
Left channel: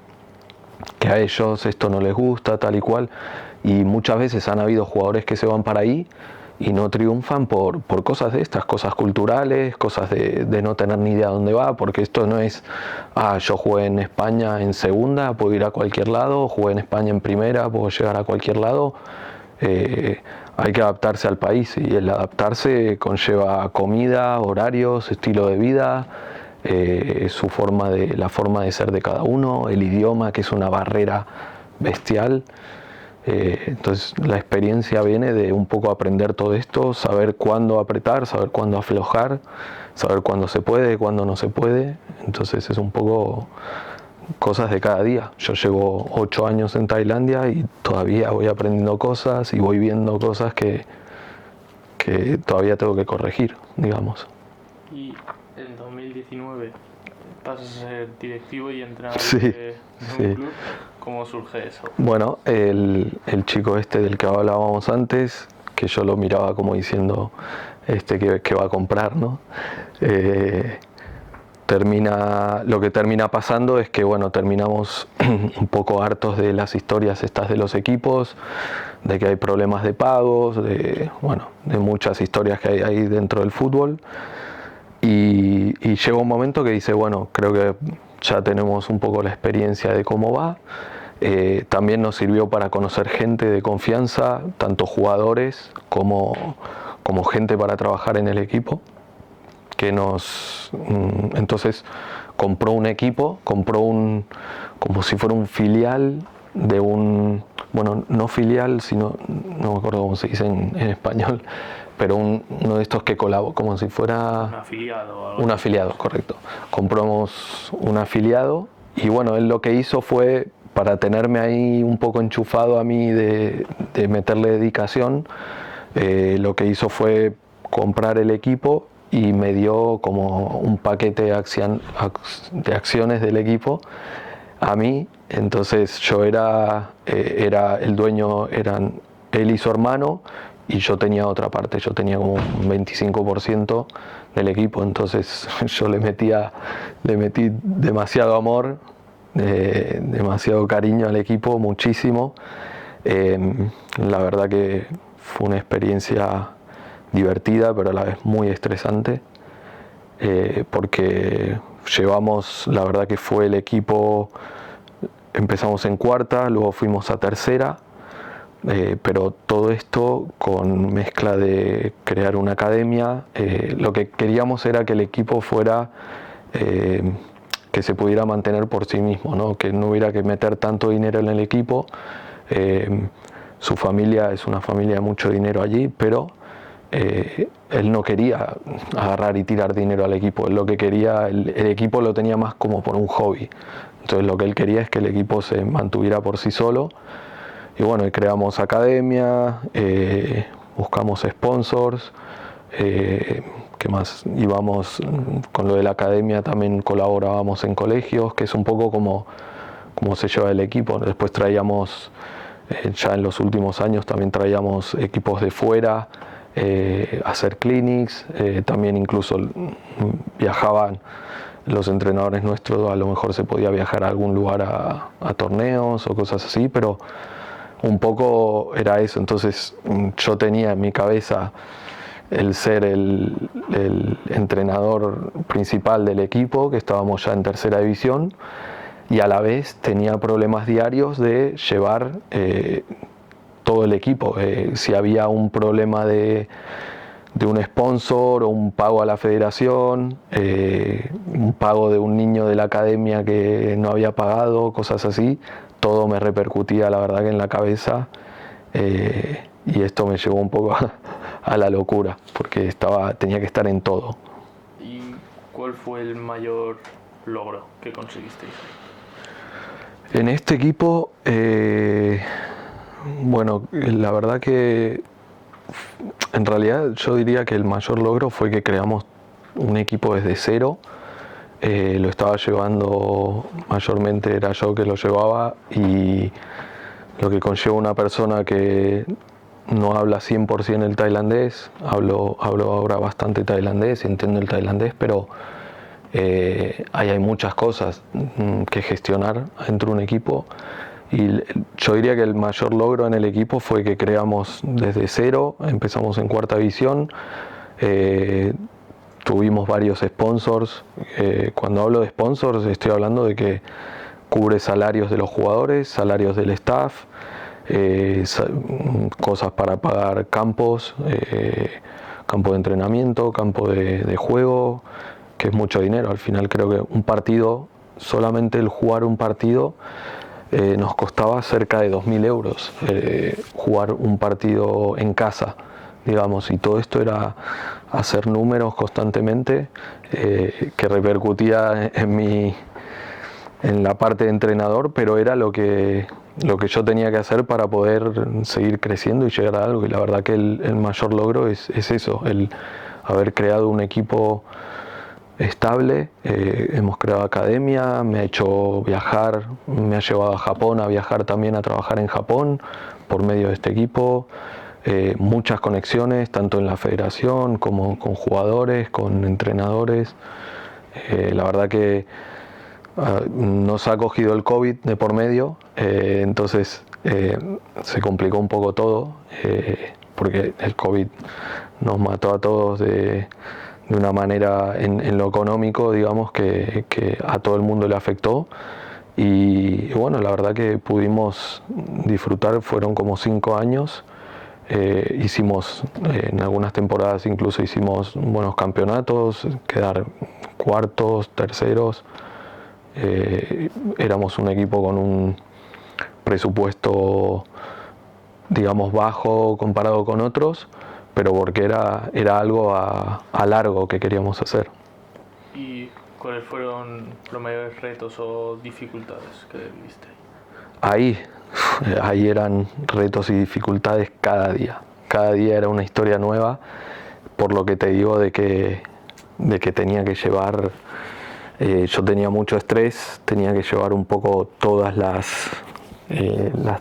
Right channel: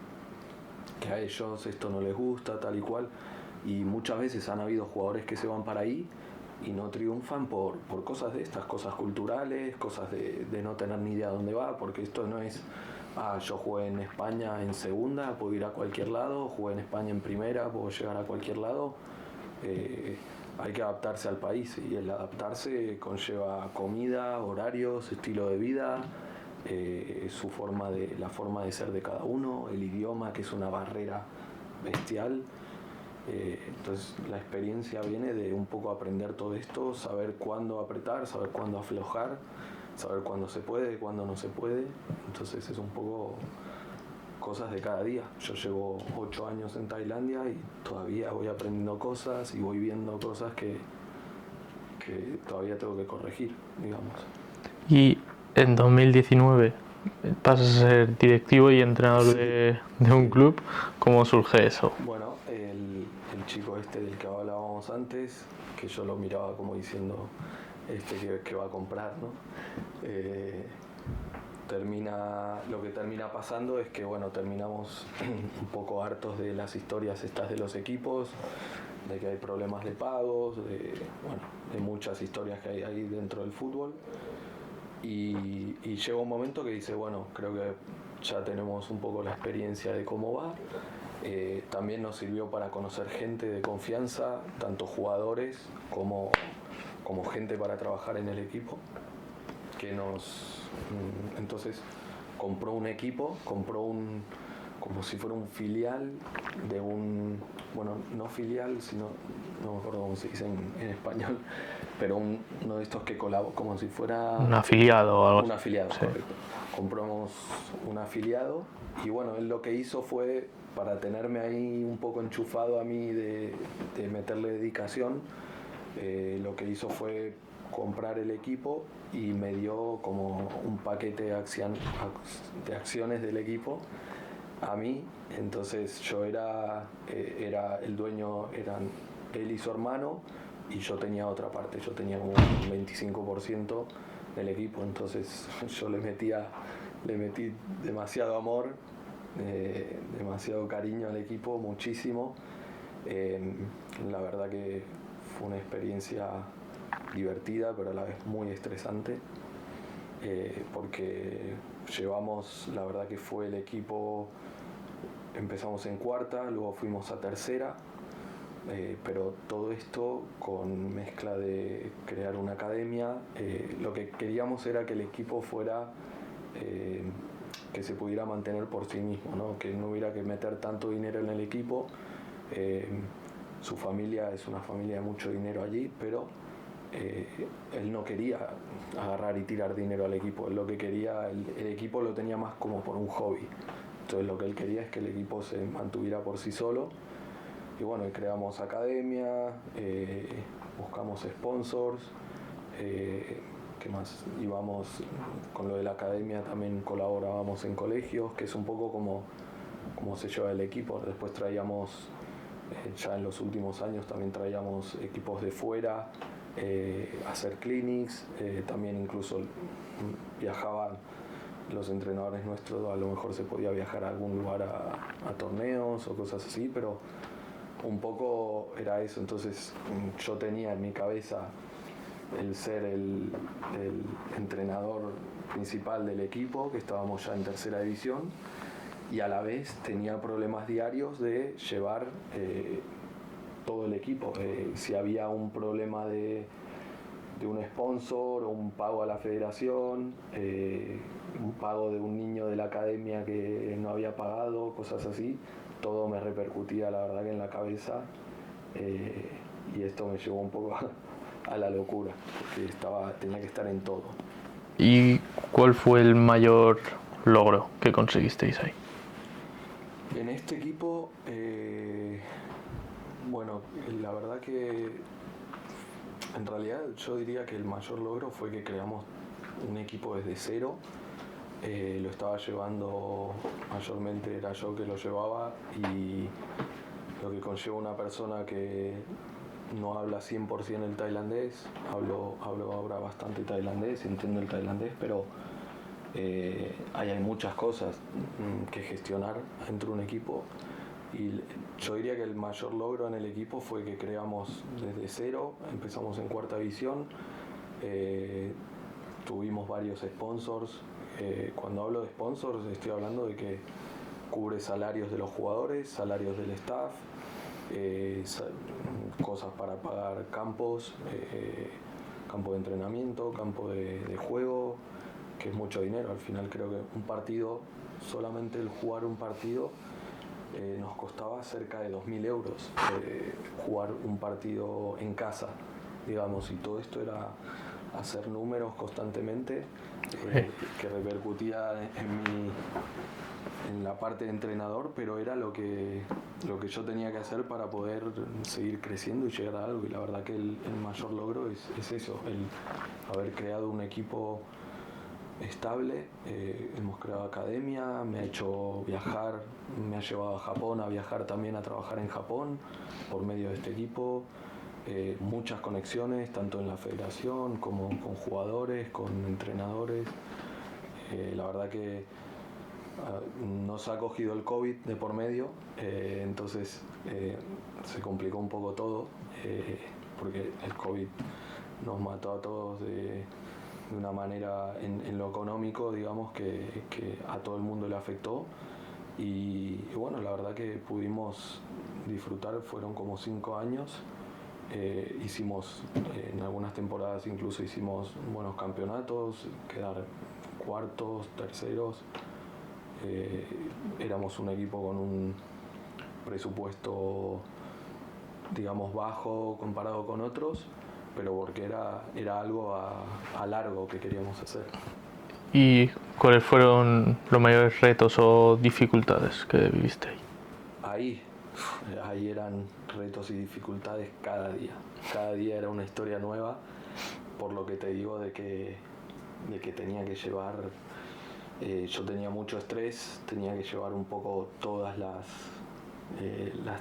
que a ellos esto no les gusta, tal y cual. Y muchas veces han habido jugadores que se van para ahí y no triunfan por cosas de estas, cosas culturales, cosas de no tener ni idea dónde va, porque esto no es, yo jugué en España en segunda, puedo ir a cualquier lado, jugué en España en primera, puedo llegar a cualquier lado. Hay que adaptarse al país, y el adaptarse conlleva comida, horarios, estilo de vida, la forma de ser de cada uno, el idioma, que es una barrera bestial. Entonces la experiencia viene de un poco aprender todo esto, saber cuándo apretar, saber cuándo aflojar, saber cuándo se puede, cuándo no se puede. Entonces es un poco cosas de cada día. Yo llevo 8 años en Tailandia y todavía voy aprendiendo cosas y voy viendo cosas que todavía tengo que corregir, digamos. Y en 2019 pasas a ser directivo y entrenador de un club. ¿Cómo surge eso? Bueno, el chico este del que hablábamos antes, que yo lo miraba como diciendo que va a comprar, ¿no? Lo que termina pasando es que, bueno, terminamos un poco hartos de las historias estas de los equipos, de que hay problemas de pagos, de muchas historias que hay ahí dentro del fútbol. Y llega un momento que dice, bueno, creo que ya tenemos un poco la experiencia de cómo va. También nos sirvió para conocer gente de confianza, tanto jugadores como gente para trabajar en el equipo. Entonces compró un equipo, como si fuera un filial de un, bueno, no filial, sino, no me acuerdo cómo se dice en español, pero uno de estos que colabora, como si fuera... Un afiliado o algo. Un afiliado, correcto. Compramos un afiliado y bueno, él lo que hizo fue, para tenerme ahí un poco enchufado a mí de meterle dedicación, lo que hizo fue comprar el equipo y me dio como un paquete de acciones del equipo a mí. Entonces yo era el dueño, eran él y su hermano, y yo tenía otra parte, yo tenía como un 25% del equipo. Entonces yo le metí demasiado amor, demasiado cariño al equipo, muchísimo. La verdad que fue una experiencia divertida, pero a la vez muy estresante, porque la verdad que fue el equipo, empezamos en cuarta, luego fuimos a tercera, pero todo esto con mezcla de crear una academia. Lo que queríamos era que el equipo fuera, que se pudiera mantener por sí mismo, ¿no? Que no hubiera que meter tanto dinero en el equipo. Su familia es una familia de mucho dinero allí, pero él no quería agarrar y tirar dinero al equipo. Él lo que quería, el equipo lo tenía más como por un hobby. Entonces lo que él quería es que el equipo se mantuviera por sí solo. Y bueno, creamos academia, buscamos sponsors, ¿qué más? Íbamos con lo de la academia, también colaborábamos en colegios, que es un poco como se lleva el equipo. Después traíamos, ya en los últimos años también traíamos equipos de fuera a hacer clinics, también incluso viajaban los entrenadores nuestros, a lo mejor se podía viajar a algún lugar a torneos o cosas así, pero un poco era eso. Entonces yo tenía en mi cabeza el ser el entrenador principal del equipo, que estábamos ya en tercera división, y a la vez tenía problemas diarios de llevar todo el equipo. Si había un problema de un sponsor o un pago a la federación, un pago de un niño de la academia que no había pagado, cosas así, todo me repercutía, la verdad, que en la cabeza, y esto me llevó un poco a la locura, porque tenía que estar en todo. ¿Y cuál fue el mayor logro que conseguisteis ahí? En este equipo, bueno, la verdad que en realidad yo diría que el mayor logro fue que creamos un equipo desde cero. Lo estaba llevando, mayormente era yo que lo llevaba, y lo que conlleva una persona que no habla 100% el tailandés. Hablo ahora bastante tailandés, entiendo el tailandés, pero ahí hay muchas cosas que gestionar dentro de un equipo. Y yo diría que el mayor logro en el equipo fue que creamos desde cero, empezamos en cuarta división, tuvimos varios sponsors. Cuando hablo de sponsors estoy hablando de que cubre salarios de los jugadores, salarios del staff, cosas para pagar campos, campo de entrenamiento, campo de juego, que es mucho dinero. Al final creo que un partido, solamente el jugar un partido, nos costaba cerca de 2.000 euros jugar un partido en casa, digamos, y todo esto era hacer números constantemente, que repercutía en la parte de entrenador, pero era lo que yo tenía que hacer para poder seguir creciendo y llegar a algo. Y la verdad que el mayor logro es eso, el haber creado un equipo estable. Hemos creado academia, me ha hecho viajar, me ha llevado a Japón a viajar también, a trabajar en Japón por medio de este equipo. Muchas conexiones tanto en la federación como con jugadores, con entrenadores. La verdad que nos ha cogido el COVID de por medio, entonces se complicó un poco todo, porque el COVID nos mató a todos de una manera en lo económico, digamos, que a todo el mundo le afectó. Y bueno, la verdad que pudimos disfrutar, fueron como 5 años. Hicimos en algunas temporadas, incluso hicimos buenos campeonatos, quedar cuartos, terceros. Éramos un equipo con un presupuesto, digamos, bajo comparado con otros, pero porque era algo a largo que queríamos hacer. ¿Y cuáles fueron los mayores retos o dificultades que viviste ahí? Ahí eran retos y dificultades cada día. Cada día era una historia nueva, por lo que te digo de que tenía que llevar, yo tenía mucho estrés, tenía que llevar un poco todas las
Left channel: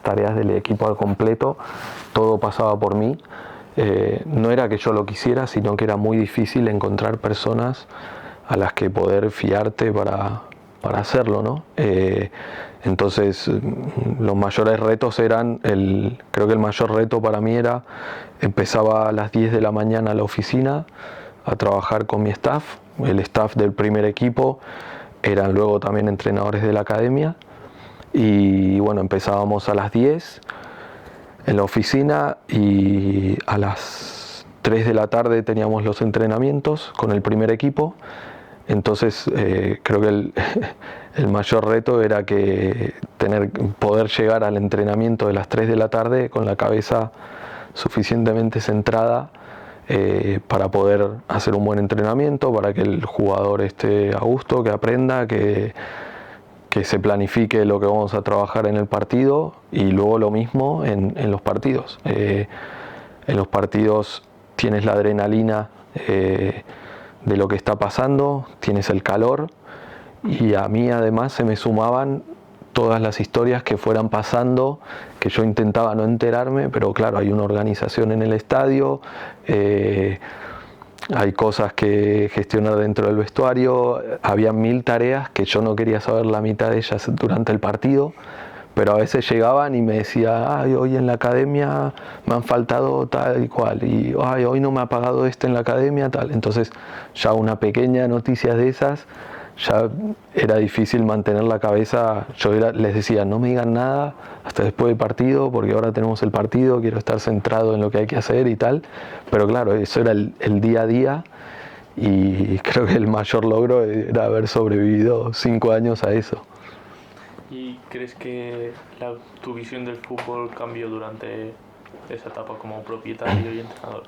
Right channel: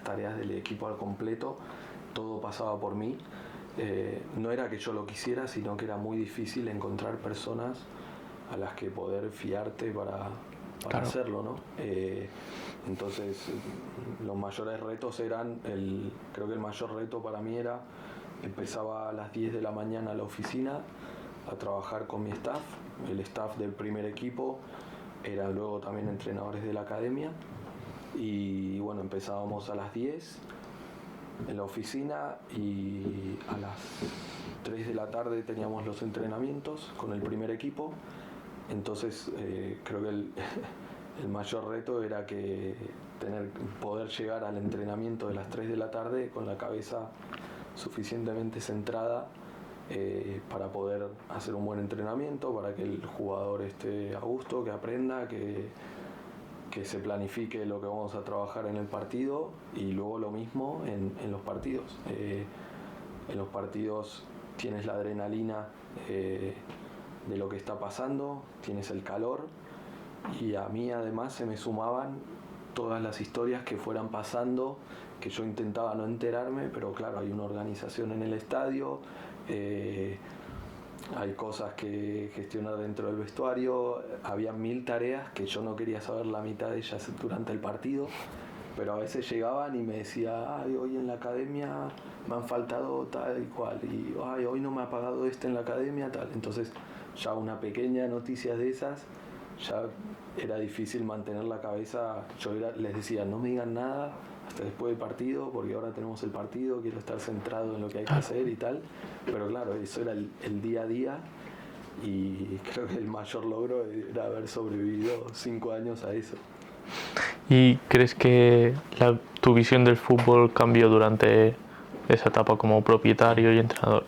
tareas del equipo al completo, todo pasaba por mí. No era que yo lo quisiera, sino que era muy difícil encontrar personas a las que poder fiarte para hacerlo, ¿no? Entonces los mayores retos eran, creo que el mayor reto para mí era, empezaba a las 10 de la mañana a la oficina a trabajar con mi staff, el staff del primer equipo, eran luego también entrenadores de la academia, y bueno, empezábamos a las 10 en la oficina y a las 3 de la tarde teníamos los entrenamientos con el primer equipo. Entonces creo que el mayor reto era que poder llegar al entrenamiento de las 3 de la tarde con la cabeza suficientemente centrada para poder hacer un buen entrenamiento, para que el jugador esté a gusto, que aprenda, que se planifique lo que vamos a trabajar en el partido, y luego lo mismo en los partidos. En los partidos tienes la adrenalina de lo que está pasando, tienes el calor, y a mí además se me sumaban todas las historias que fueran pasando, que yo intentaba no enterarme, pero claro, hay una organización en el estadio, hay cosas que gestionar dentro del vestuario, había 1000 tareas que yo no quería saber la mitad de ellas durante el partido, pero a veces llegaban y me decía, hoy en la academia me han faltado tal y cual, y hoy no me ha pagado en la academia, tal. Entonces ya una pequeña noticia de esas, ya era difícil mantener la cabeza. Yo les decía, no me digan nada hasta después del partido, porque ahora tenemos el partido, quiero estar centrado en lo que hay que hacer y tal. Pero claro, eso era el día a día, y creo que el mayor logro era haber sobrevivido 5 años a eso. ¿Y crees que tu visión del fútbol cambió durante esa etapa como propietario y entrenador?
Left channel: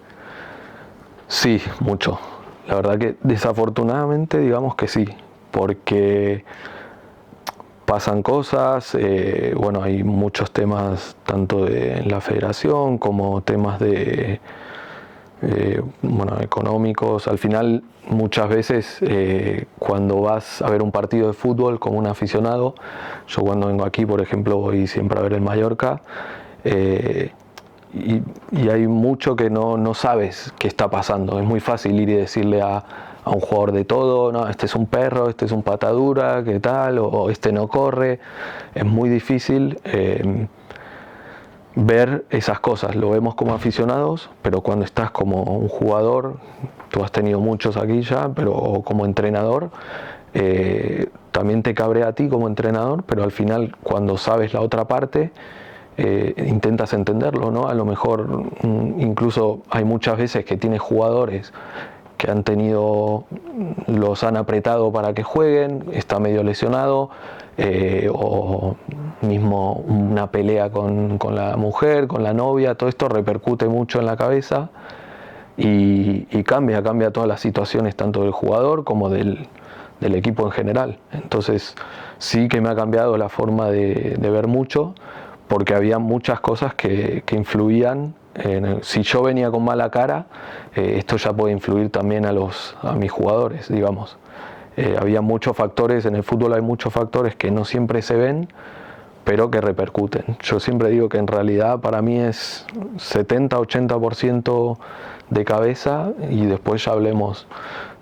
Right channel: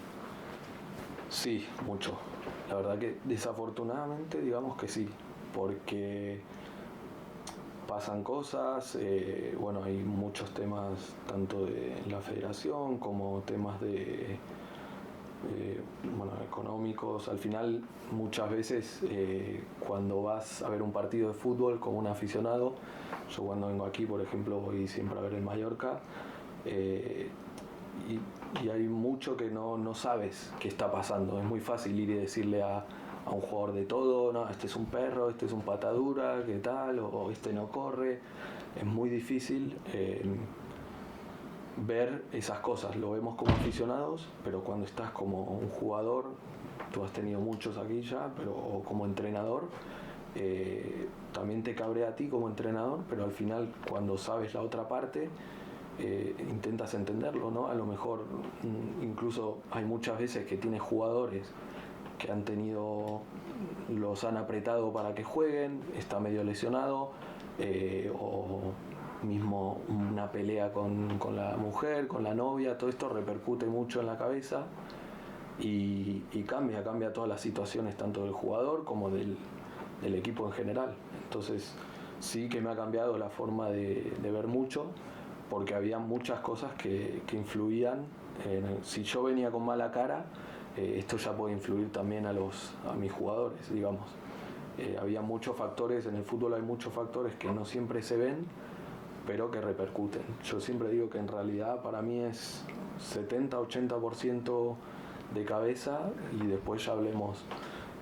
Sí, mucho. La verdad que desafortunadamente digamos que sí, porque pasan cosas, bueno, hay muchos temas tanto en la federación como temas bueno, económicos. Al final, muchas veces cuando vas a ver un partido de fútbol como un aficionado, yo cuando vengo aquí, por ejemplo, voy siempre a ver el Mallorca, y hay mucho que no sabes qué está pasando. Es muy fácil ir y decirle a a un jugador de todo, no, este es un perro, este es un patadura, ¿qué tal? O este no corre. Es muy difícil ver esas cosas. Lo vemos como aficionados, pero cuando estás como un jugador, tú has tenido muchos aquí ya, pero o como entrenador, también te cabrea a ti como entrenador, pero al final cuando sabes la otra parte, intentas entenderlo, ¿no? A lo mejor incluso hay muchas veces que tienes jugadores que han tenido, los han apretado para que jueguen, está medio lesionado, o mismo una pelea con la mujer, con la novia, todo esto repercute mucho en la cabeza y cambia todas las situaciones tanto del jugador como del equipo en general. Entonces sí que me ha cambiado la forma de ver mucho, porque había muchas cosas que influían. Si yo venía con mala cara, esto ya puede influir también a mis jugadores, digamos. Había muchos factores, en el fútbol hay muchos factores que no siempre se ven, pero que repercuten. Yo siempre digo que en realidad para mí es 70-80% de cabeza, y después ya hablemos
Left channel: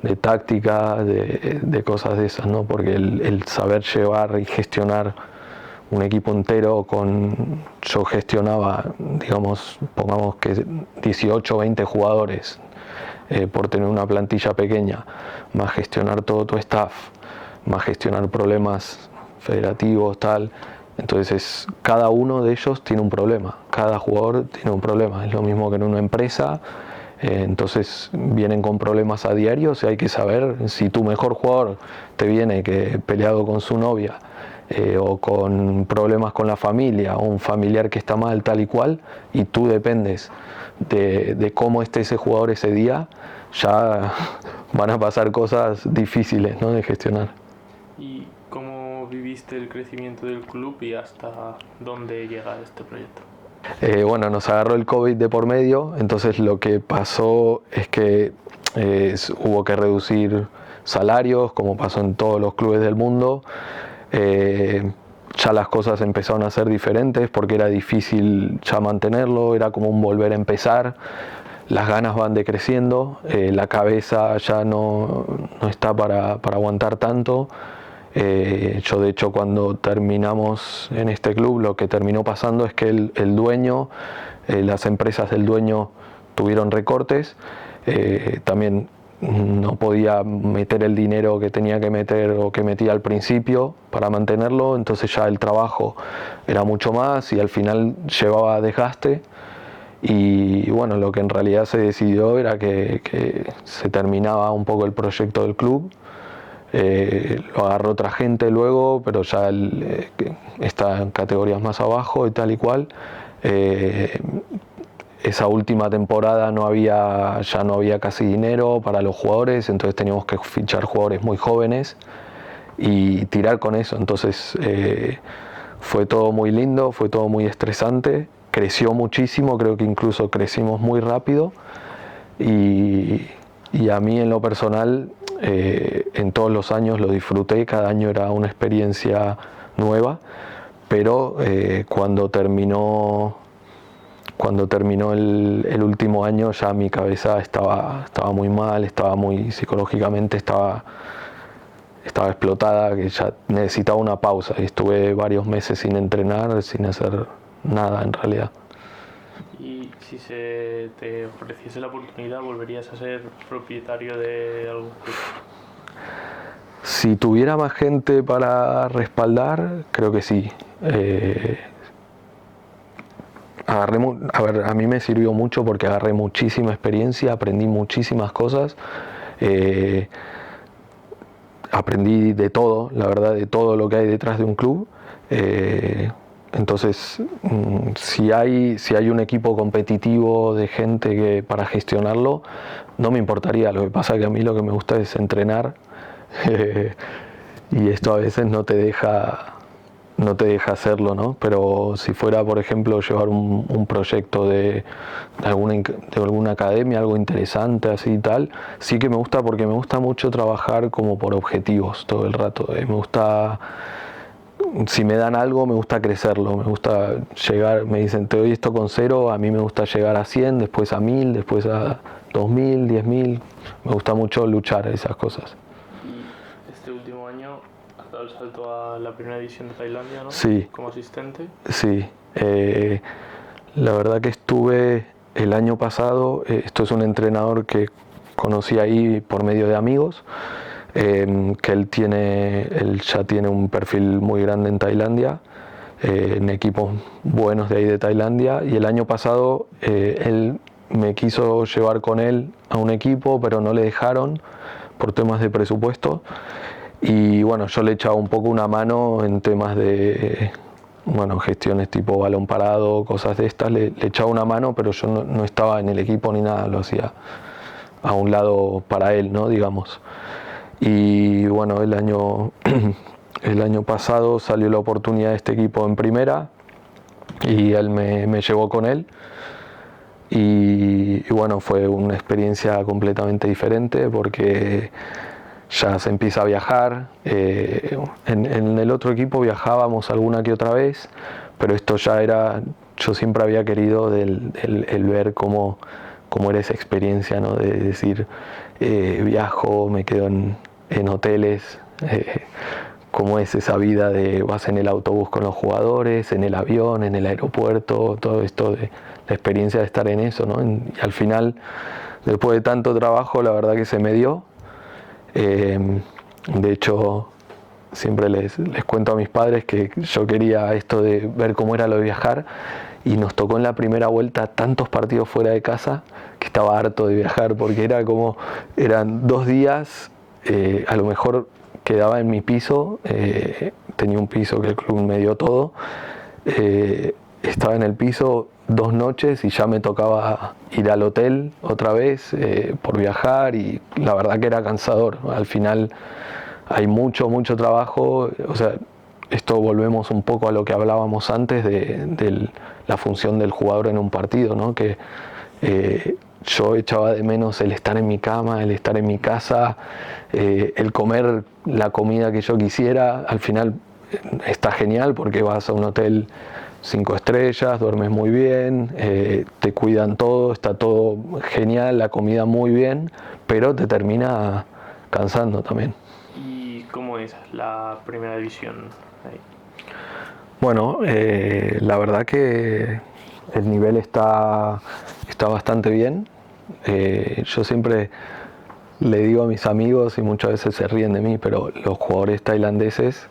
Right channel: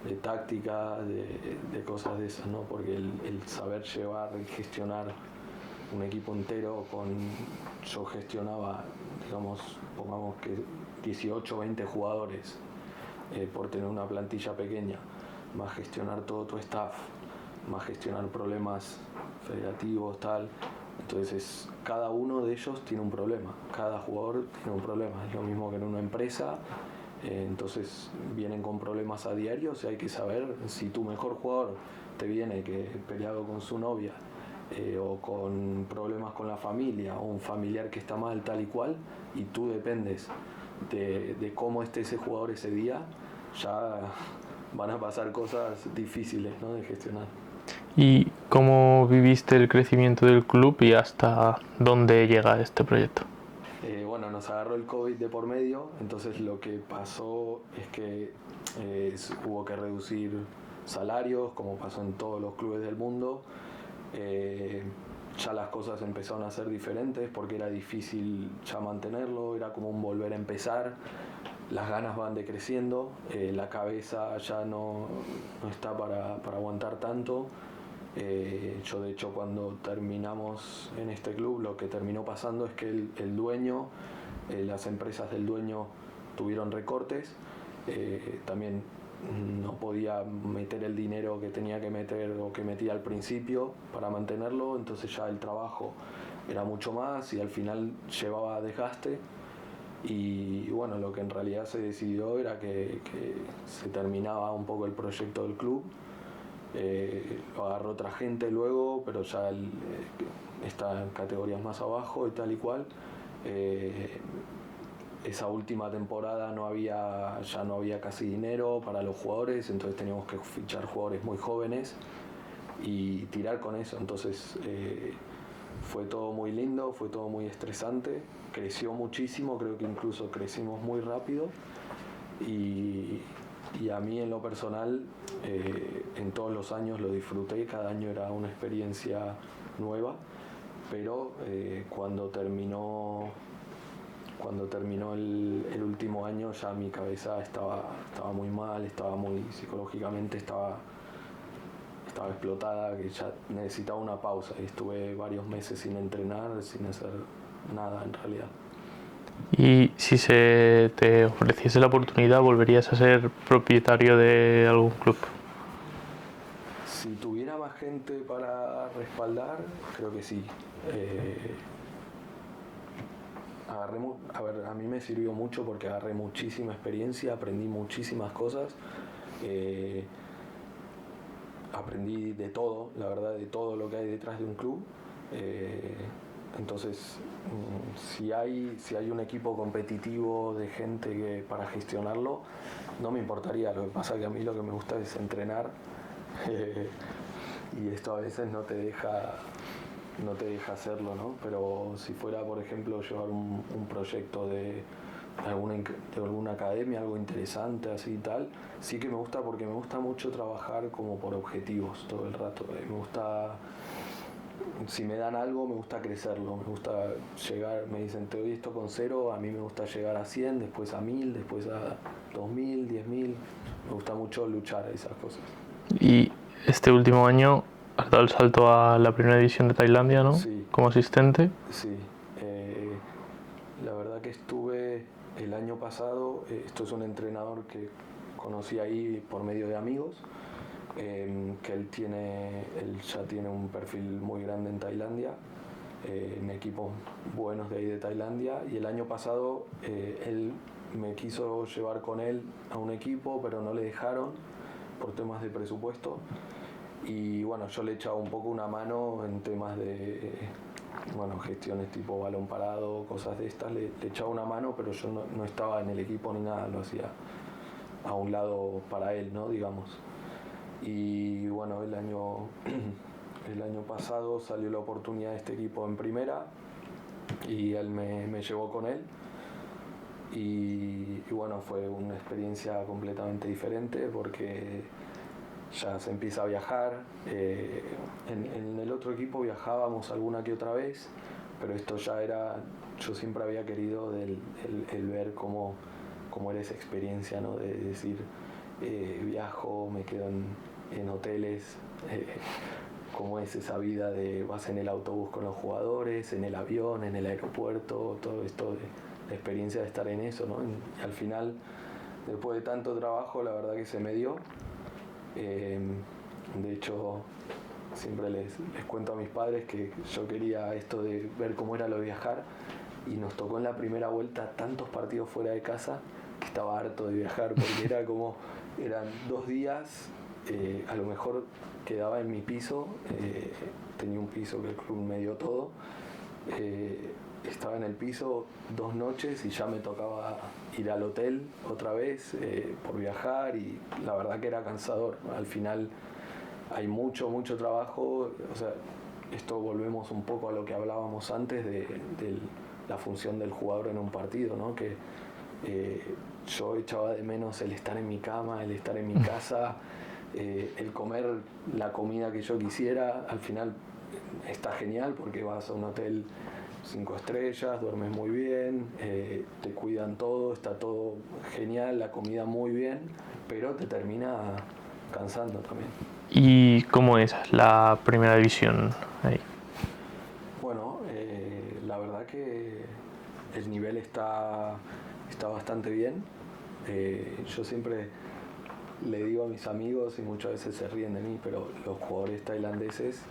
de táctica, de cosas de esas, ¿no? Porque el saber llevar y gestionar un equipo entero yo gestionaba, digamos, pongamos que 18 o 20 jugadores, por tener una plantilla pequeña, más gestionar todo tu staff, más gestionar problemas federativos, tal. Entonces cada uno de ellos tiene un problema, cada jugador tiene un problema. Es lo mismo que en una empresa. Entonces vienen con problemas a diario, o sea, hay que saber si tu mejor jugador te viene que peleado con su novia, o con problemas con la familia, o un familiar que está mal, tal y cual, y tú dependes de cómo esté ese jugador ese día, ya van a pasar cosas difíciles, ¿no?, de gestionar. ¿Y cómo viviste el crecimiento del club y hasta dónde llega este proyecto? Bueno, nos agarró el COVID de por medio, entonces lo que pasó es que hubo que reducir salarios, como pasó en todos los clubes del mundo. Ya las cosas empezaron a ser diferentes porque era difícil ya mantenerlo, era como un volver a empezar. Las ganas van decreciendo, la cabeza ya no está para aguantar tanto. Yo de hecho cuando terminamos en este club, lo que terminó pasando es que el dueño, las empresas del dueño tuvieron recortes, también no podía meter el dinero que tenía que meter o que metía al principio para mantenerlo, entonces ya el trabajo era mucho más y al final llevaba desgaste. Y bueno, lo que en realidad se decidió era que se terminaba un poco el proyecto del club. Lo agarró otra gente luego, pero ya está en categorías más abajo y tal y cual. Esa última temporada ya no había casi dinero para los jugadores, entonces teníamos que fichar jugadores muy jóvenes y tirar con eso. Entonces fue todo muy lindo, fue todo muy estresante, creció muchísimo, creo que incluso crecimos muy rápido y a mí en lo personal, en todos los años lo disfruté, cada año era una experiencia nueva, pero cuando terminó el último año ya mi cabeza estaba muy mal, psicológicamente estaba explotada, que ya necesitaba una pausa y estuve varios meses sin entrenar, sin hacer nada en realidad. Y si se te ofreciese la oportunidad, ¿volverías a ser propietario de algún club? Si tuviera más gente para respaldar, creo que sí. A mí me sirvió mucho porque agarré muchísima experiencia, aprendí muchísimas cosas. Aprendí de todo, la verdad, de todo lo que hay detrás de un club. Entonces, si hay un equipo competitivo de gente para gestionarlo, no me importaría. Lo que pasa es que a mí lo que me gusta es entrenar, y esto a veces no te deja hacerlo, ¿no? Pero si fuera, por ejemplo, llevar un proyecto de alguna academia, algo interesante así y tal, sí que me gusta, porque me gusta mucho trabajar como por objetivos todo el rato. Me gusta si me dan algo me gusta crecerlo, me gusta llegar, me dicen te doy esto con 0, a mí me gusta llegar a 100, después a 1000, después a 2000, 10.000, me gusta mucho luchar esas cosas. Y este último año has dado el salto a la primera división de Tailandia, ¿no? Sí. Como asistente. Sí, la verdad que estuve el año pasado, esto es un entrenador que conocí ahí por medio de amigos, que él ya tiene un perfil muy grande en Tailandia, en equipos buenos de ahí de Tailandia, y el año pasado él me quiso llevar con él a un equipo, pero no le dejaron por temas de presupuesto, y bueno, yo le echaba un poco una mano en temas de gestiones tipo balón parado, cosas de estas, le echaba una mano, pero yo no estaba en el equipo ni nada, lo hacía a un lado para él, ¿no? Digamos. Y bueno, el año pasado salió la oportunidad de este equipo en primera y él me llevó con él. Y bueno, fue una experiencia completamente diferente porque ya se empieza a viajar. En el otro equipo viajábamos alguna que otra vez, pero esto ya era, yo siempre había querido el ver cómo era esa experiencia, ¿no? De decir, viajo, me quedo en hoteles, cómo es esa vida de vas en el autobús con los jugadores, en el avión, en el aeropuerto, todo esto de la experiencia de estar en eso, ¿no? Y al final, después de tanto trabajo, la verdad que se me dio. De hecho, siempre les cuento a mis padres que yo quería esto de ver cómo era lo de viajar, y nos tocó en la primera vuelta tantos partidos fuera de casa que estaba harto de viajar porque eran 2 días, a lo mejor quedaba en mi piso, tenía un piso que el club me dio todo, estaba en el piso 2 noches y ya me tocaba ir al hotel otra vez por viajar, y la verdad que era cansador. Al final hay mucho trabajo, o sea, esto volvemos un poco a lo que hablábamos antes de la función del jugador en un partido, ¿no? Que yo echaba de menos el estar en mi cama, el estar en mi casa, el comer la comida que yo quisiera. Al final está genial porque vas a un hotel 5 estrellas, duermes muy bien, te cuidan todo, está todo genial, la comida muy bien, pero te termina cansando también. ¿Y cómo es la primera división ahí? Bueno, la verdad que el nivel está bastante bien. Yo siempre le digo a mis amigos, y muchas veces se ríen de mí, pero los jugadores tailandeses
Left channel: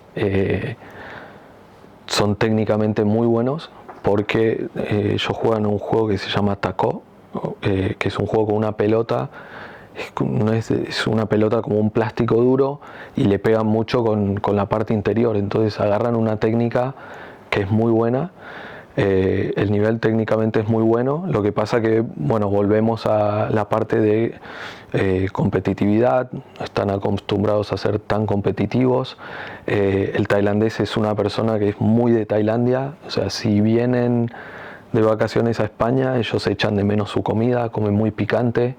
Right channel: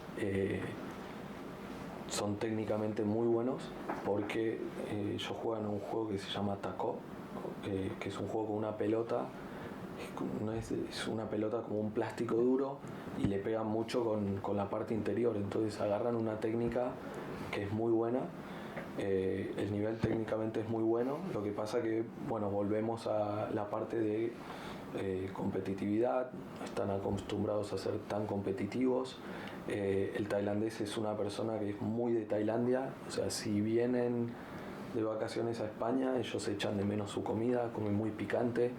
son técnicamente muy buenos porque ellos juegan un juego que se llama Taco, que es un juego con una pelota. Es una pelota como un plástico duro y le pegan mucho con la parte interior, entonces agarran una técnica que es muy buena. El nivel técnicamente es muy bueno, lo que pasa que, bueno, volvemos a la parte de competitividad, no están acostumbrados a ser tan competitivos. El tailandés es una persona que es muy de Tailandia, o sea, si vienen de vacaciones a España, ellos echan de menos su comida, comen muy picante.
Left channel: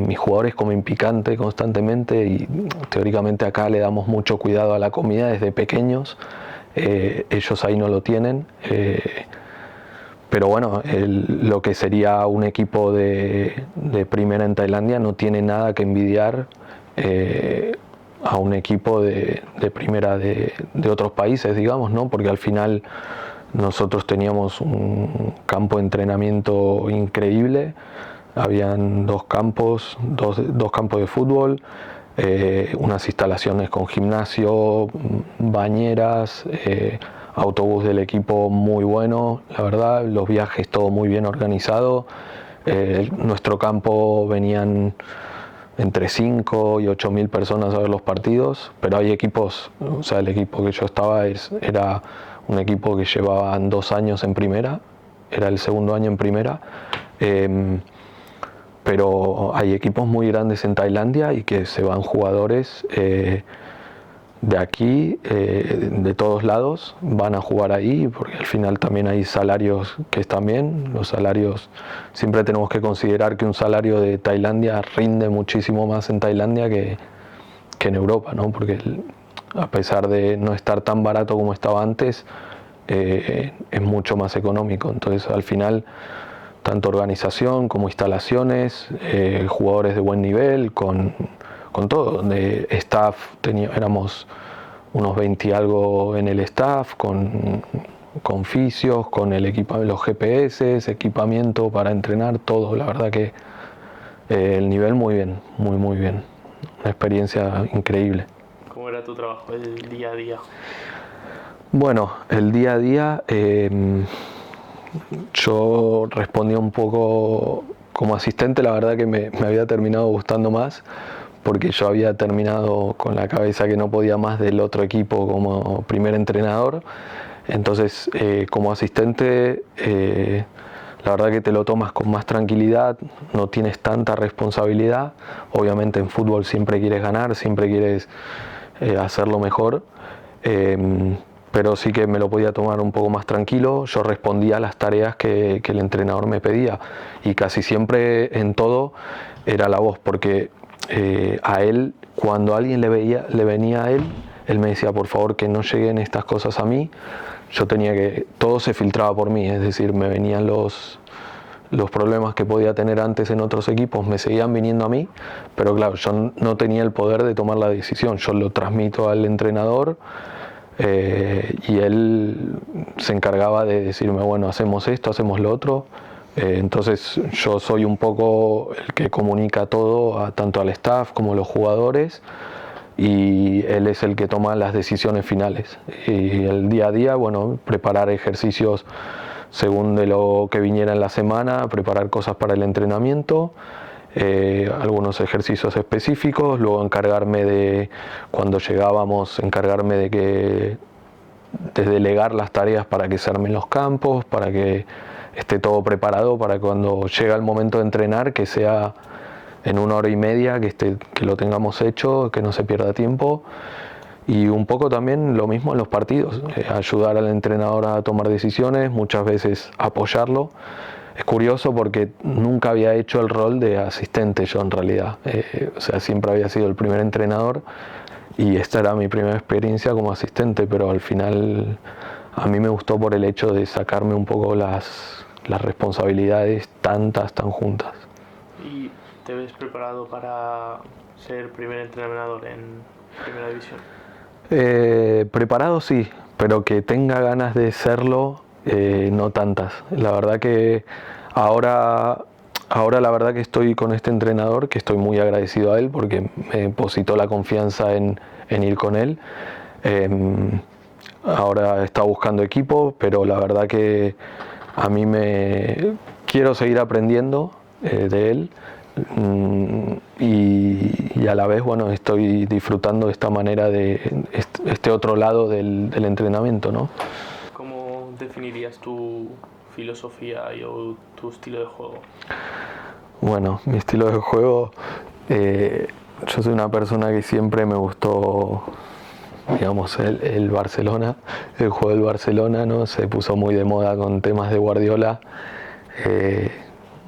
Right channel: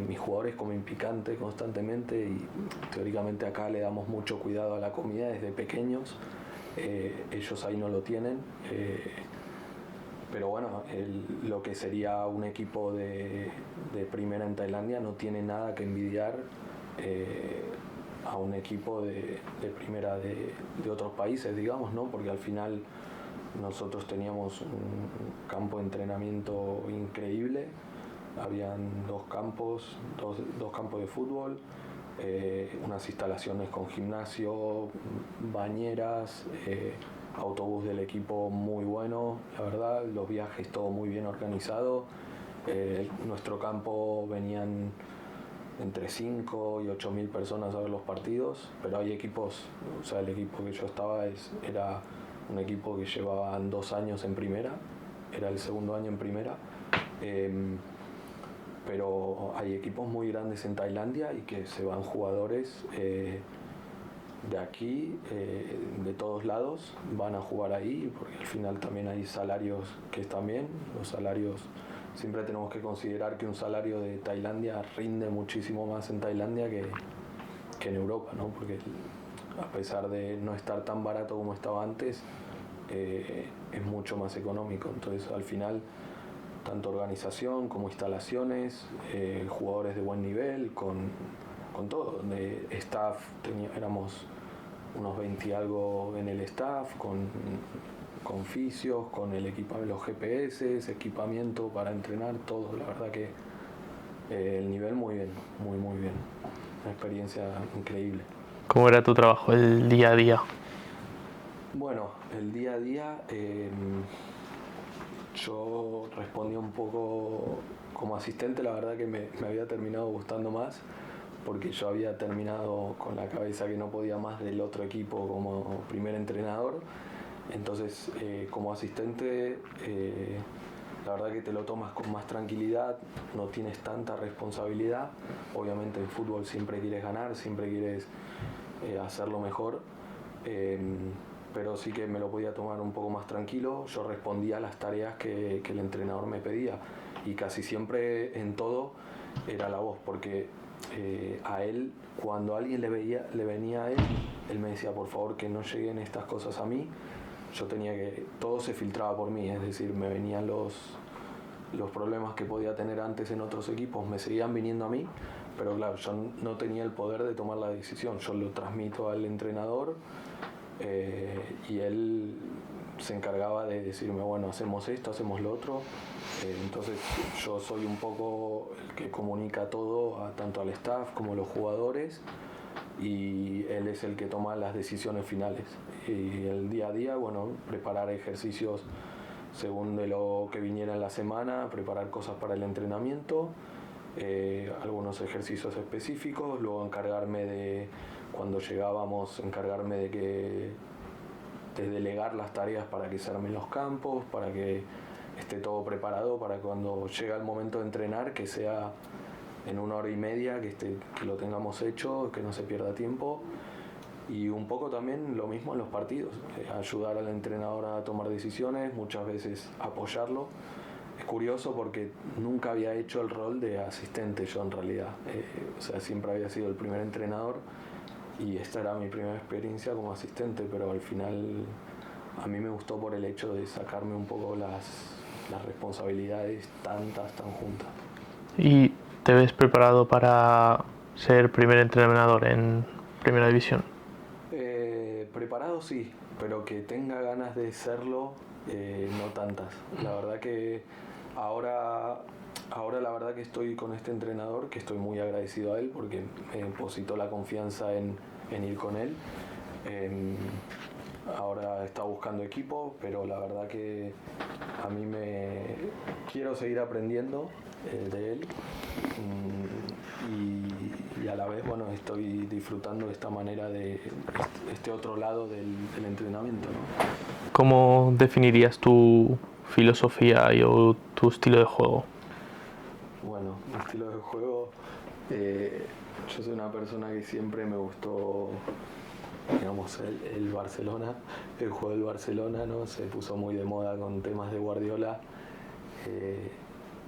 Mis jugadores comen picante constantemente y teóricamente acá le damos mucho cuidado a la comida desde pequeños. Ellos ahí no lo tienen, pero bueno, lo que sería un equipo de primera en Tailandia no tiene nada que envidiar a un equipo de primera de otros países, digamos, ¿no? Porque al final nosotros teníamos un campo de entrenamiento increíble. Habían 2 campos de fútbol, unas instalaciones con gimnasio, bañeras, autobús del equipo muy bueno, la verdad, los viajes todo muy bien organizado. Nuestro campo venían entre 5 y 8.000 personas a ver los partidos, pero hay equipos, o sea, el equipo que yo estaba era un equipo que llevaban 2 años en primera, era el segundo año en primera. Pero hay equipos muy grandes en Tailandia y que se van jugadores de aquí, de todos lados, van a jugar ahí, porque al final también hay salarios que están bien. Los salarios, siempre tenemos que considerar que un salario de Tailandia rinde muchísimo más en Tailandia que en Europa, ¿no? Porque a pesar de no estar tan barato como estaba antes, es mucho más económico. Entonces al final, tanto organización como instalaciones, jugadores de buen nivel, con todo, de staff, éramos unos 20 y algo en el staff, con fisios, con el los GPS, equipamiento para entrenar, todo. La verdad que el nivel muy bien, muy bien. Una experiencia increíble. ¿Cómo era tu trabajo, el día a día? Bueno, el día a día yo respondía un poco como asistente. La verdad que me había terminado gustando más, porque yo había terminado con la cabeza que no podía más del otro equipo como primer entrenador. Entonces, como asistente, la verdad que te lo tomas con más tranquilidad, no tienes tanta responsabilidad. Obviamente en fútbol siempre quieres ganar, siempre quieres hacerlo mejor, pero sí que me lo podía tomar un poco más tranquilo. Yo respondía a las tareas que el entrenador me pedía, y casi siempre en todo era la voz, porque a él, cuando alguien le venía a él me decía, por favor, que no lleguen estas cosas a mí. Yo tenía que, todo se filtraba por mí, es decir, me venían los problemas que podía tener antes en otros equipos, me seguían viniendo a mí, pero claro, yo no tenía el poder de tomar la decisión. Yo lo transmito al entrenador, y él se encargaba de decirme, bueno, hacemos esto, hacemos lo otro. Entonces yo soy un poco el que comunica todo, tanto al staff como a los jugadores, y él es el que toma las decisiones finales. Y el día a día, bueno, preparar ejercicios según de lo que viniera en la semana, preparar cosas para el entrenamiento, algunos ejercicios específicos, luego encargarme de, cuando llegábamos, encargarme de delegar las tareas para que se armen los campos, para que esté todo preparado para cuando llega el momento de entrenar, que sea en 1 hora y media, que lo tengamos hecho, que no se pierda tiempo. Y un poco también lo mismo en los partidos, ayudar al entrenador a tomar decisiones, muchas veces apoyarlo. Es curioso porque nunca había hecho el rol de asistente yo en realidad, o sea, siempre había sido el primer entrenador, y esta era mi primera experiencia como asistente, pero al final a mí me gustó por el hecho de sacarme un poco las responsabilidades tan juntas. ¿Y te ves preparado para ser primer entrenador en Primera División? Preparado sí, pero que tenga ganas de serlo, no tantas. La verdad que ahora la verdad que estoy con este entrenador, que estoy muy agradecido a él porque me depositó la confianza en ir con él. Ahora está buscando equipo, pero la verdad que a mí quiero seguir aprendiendo de él. Y a la vez, bueno, estoy disfrutando de esta manera, de este otro lado del entrenamiento, ¿no? ¿Cómo definirías tu filosofía o tu estilo de juego? Bueno, mi estilo de juego, yo soy una persona que siempre me gustó, digamos, el Barcelona, el juego del Barcelona, ¿no? Se puso muy de moda con temas de Guardiola.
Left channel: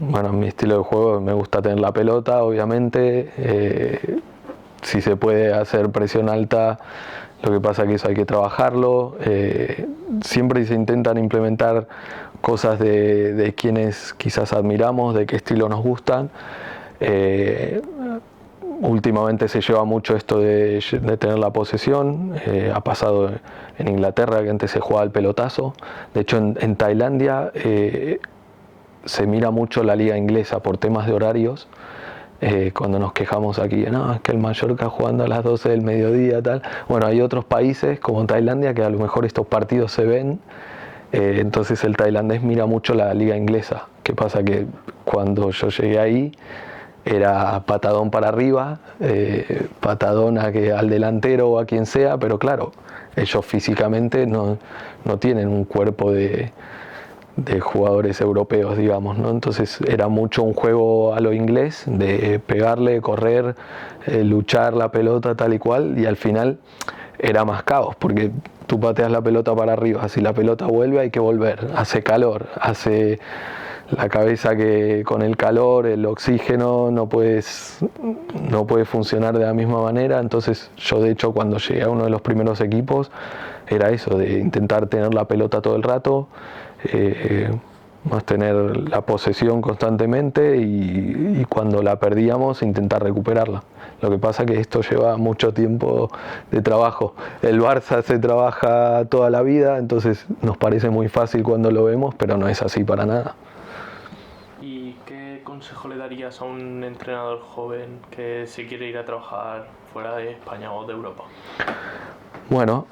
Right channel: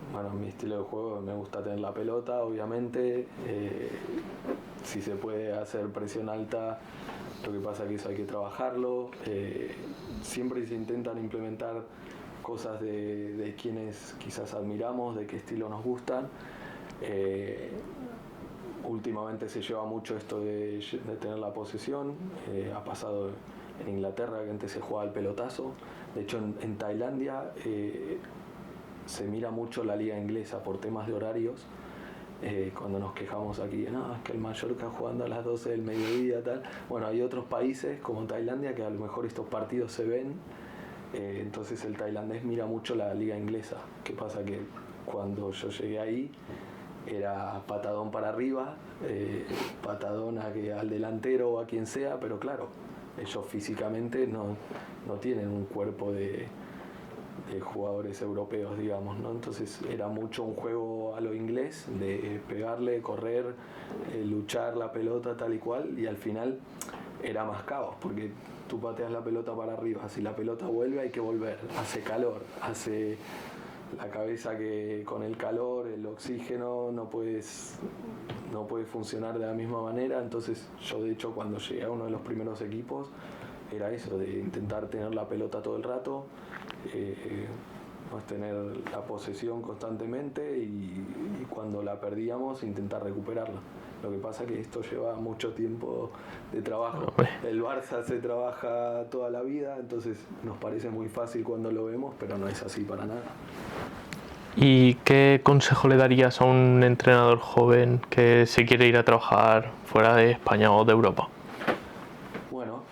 Bueno, mi estilo de juego, me gusta tener la pelota, obviamente. Si se puede hacer presión alta, lo que pasa es que eso hay que trabajarlo. Siempre se intentan implementar cosas de quienes quizás admiramos, de qué estilo nos gustan. Últimamente se lleva mucho esto de tener la posesión. Ha pasado en Inglaterra, que antes se jugaba el pelotazo. De hecho, en Tailandia se mira mucho la liga inglesa por temas de horarios. Cuando nos quejamos aquí, no, es que el Mallorca jugando a las 12 del mediodía, tal. Bueno, hay otros países como Tailandia que a lo mejor estos partidos se ven. Entonces el tailandés mira mucho la liga inglesa. ¿Qué pasa? Que cuando yo llegué ahí era patadón para arriba, patadón al delantero o a quien sea, pero claro, ellos físicamente no tienen un cuerpo de jugadores europeos, digamos, ¿no? Entonces era mucho un juego a lo inglés, de pegarle, correr, luchar la pelota tal y cual, y al final era más caos, porque tú pateas la pelota para arriba, si la pelota vuelve hay que volver, hace calor, la cabeza que con el calor, el oxígeno, no puede funcionar de la misma manera. Entonces yo de hecho cuando llegué a uno de los primeros equipos era eso, de intentar tener la pelota todo el rato, más tener la posesión constantemente y cuando la perdíamos intentar recuperarla. Lo que pasa es que esto lleva mucho tiempo de trabajo. El Barça se trabaja toda la vida, entonces nos parece muy fácil cuando lo vemos, pero no es así para nada. ¿Y qué consejo le darías a un entrenador joven que se quiere ir a trabajar fuera de España o de Europa? Bueno,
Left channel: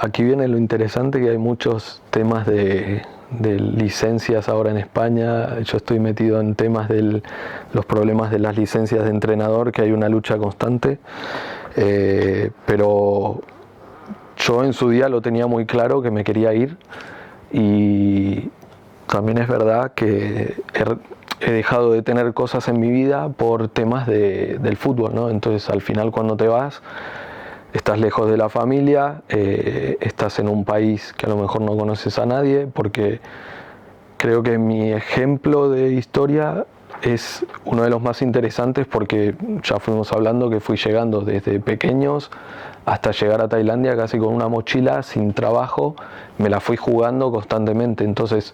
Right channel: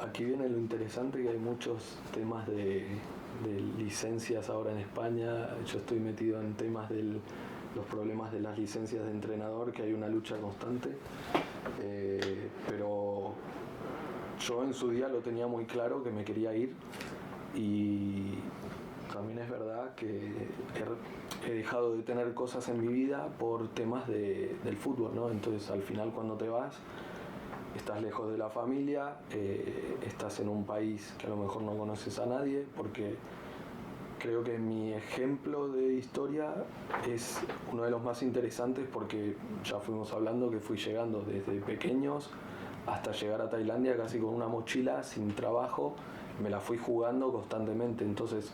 aquí viene lo interesante, que hay muchos temas de licencias ahora en España. Yo estoy metido en temas de los problemas de las licencias de entrenador, que hay una lucha constante, pero yo en su día lo tenía muy claro que me quería ir, y también es verdad que he dejado de tener cosas en mi vida por temas del fútbol, ¿no? Entonces al final cuando te vas, estás lejos de la familia, estás en un país que a lo mejor no conoces a nadie, porque creo que mi ejemplo de historia es uno de los más interesantes, porque ya fuimos hablando que fui llegando desde pequeños hasta llegar a Tailandia casi con una mochila, sin trabajo, me la fui jugando constantemente. Entonces,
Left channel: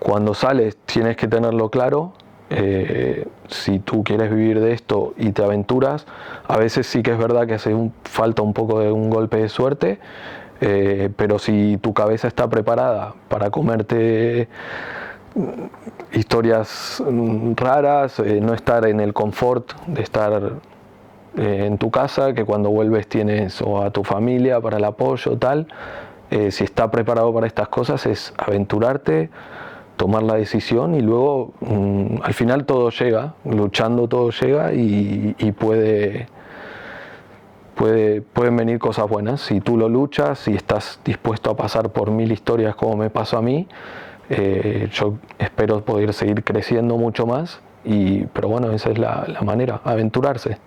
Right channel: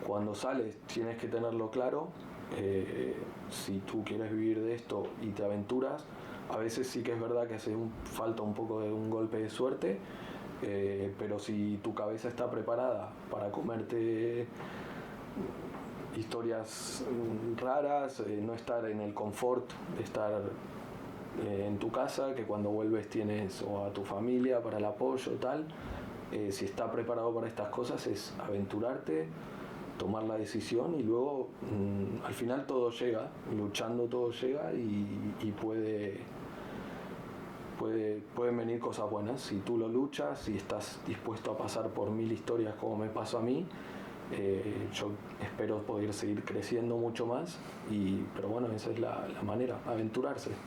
cuando sales tienes que tenerlo claro. Si tú quieres vivir de esto y te aventuras, a veces sí que es verdad que falta un poco de un golpe de suerte, pero si tu cabeza está preparada para comerte historias raras, no estar en el confort de estar en tu casa, que cuando vuelves tienes o a tu familia para el apoyo, tal, si está preparado para estas cosas, es aventurarte, tomar la decisión, y luego al final todo llega, luchando todo llega, y pueden venir cosas buenas si tú lo luchas, si estás dispuesto a pasar por 1000 historias como me pasó a mí. Yo espero poder seguir creciendo mucho más, pero bueno, esa es la manera, aventurarse.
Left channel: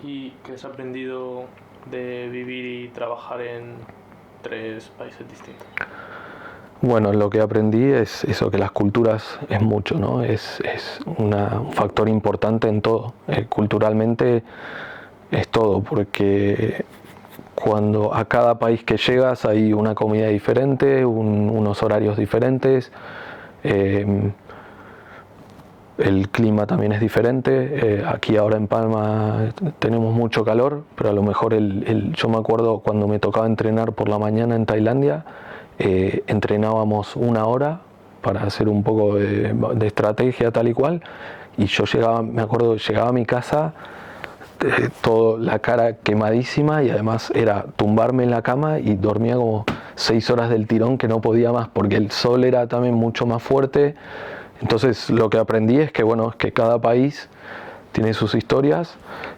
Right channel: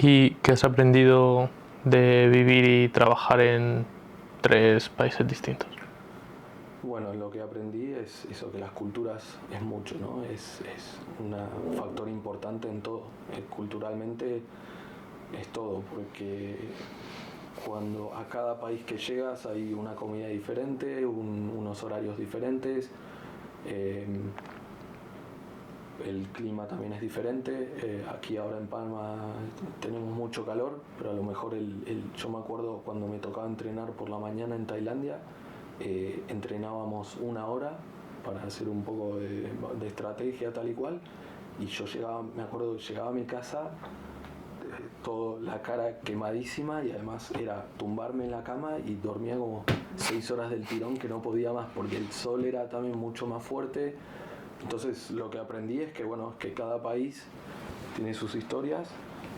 ¿Y qué has aprendido de vivir y trabajar en 3 países distintos? Bueno, lo que aprendí es eso, que las culturas es mucho, ¿no? Es un factor importante en todo. Culturalmente es todo, porque cuando a cada país que llegas hay una comida diferente, unos horarios diferentes, el clima también es diferente. Aquí ahora en Palma tenemos mucho calor, pero a lo mejor yo me acuerdo cuando me tocaba entrenar por la mañana en Tailandia, entrenábamos 1 hora para hacer un poco de estrategia tal y cual, y yo me acuerdo llegaba a mi casa toda la cara quemadísima, y además era tumbarme en la cama y dormía como 6 horas del tirón, que no podía más porque el sol era también mucho más fuerte. Entonces lo que aprendí es que, bueno, es que cada país tiene sus historias.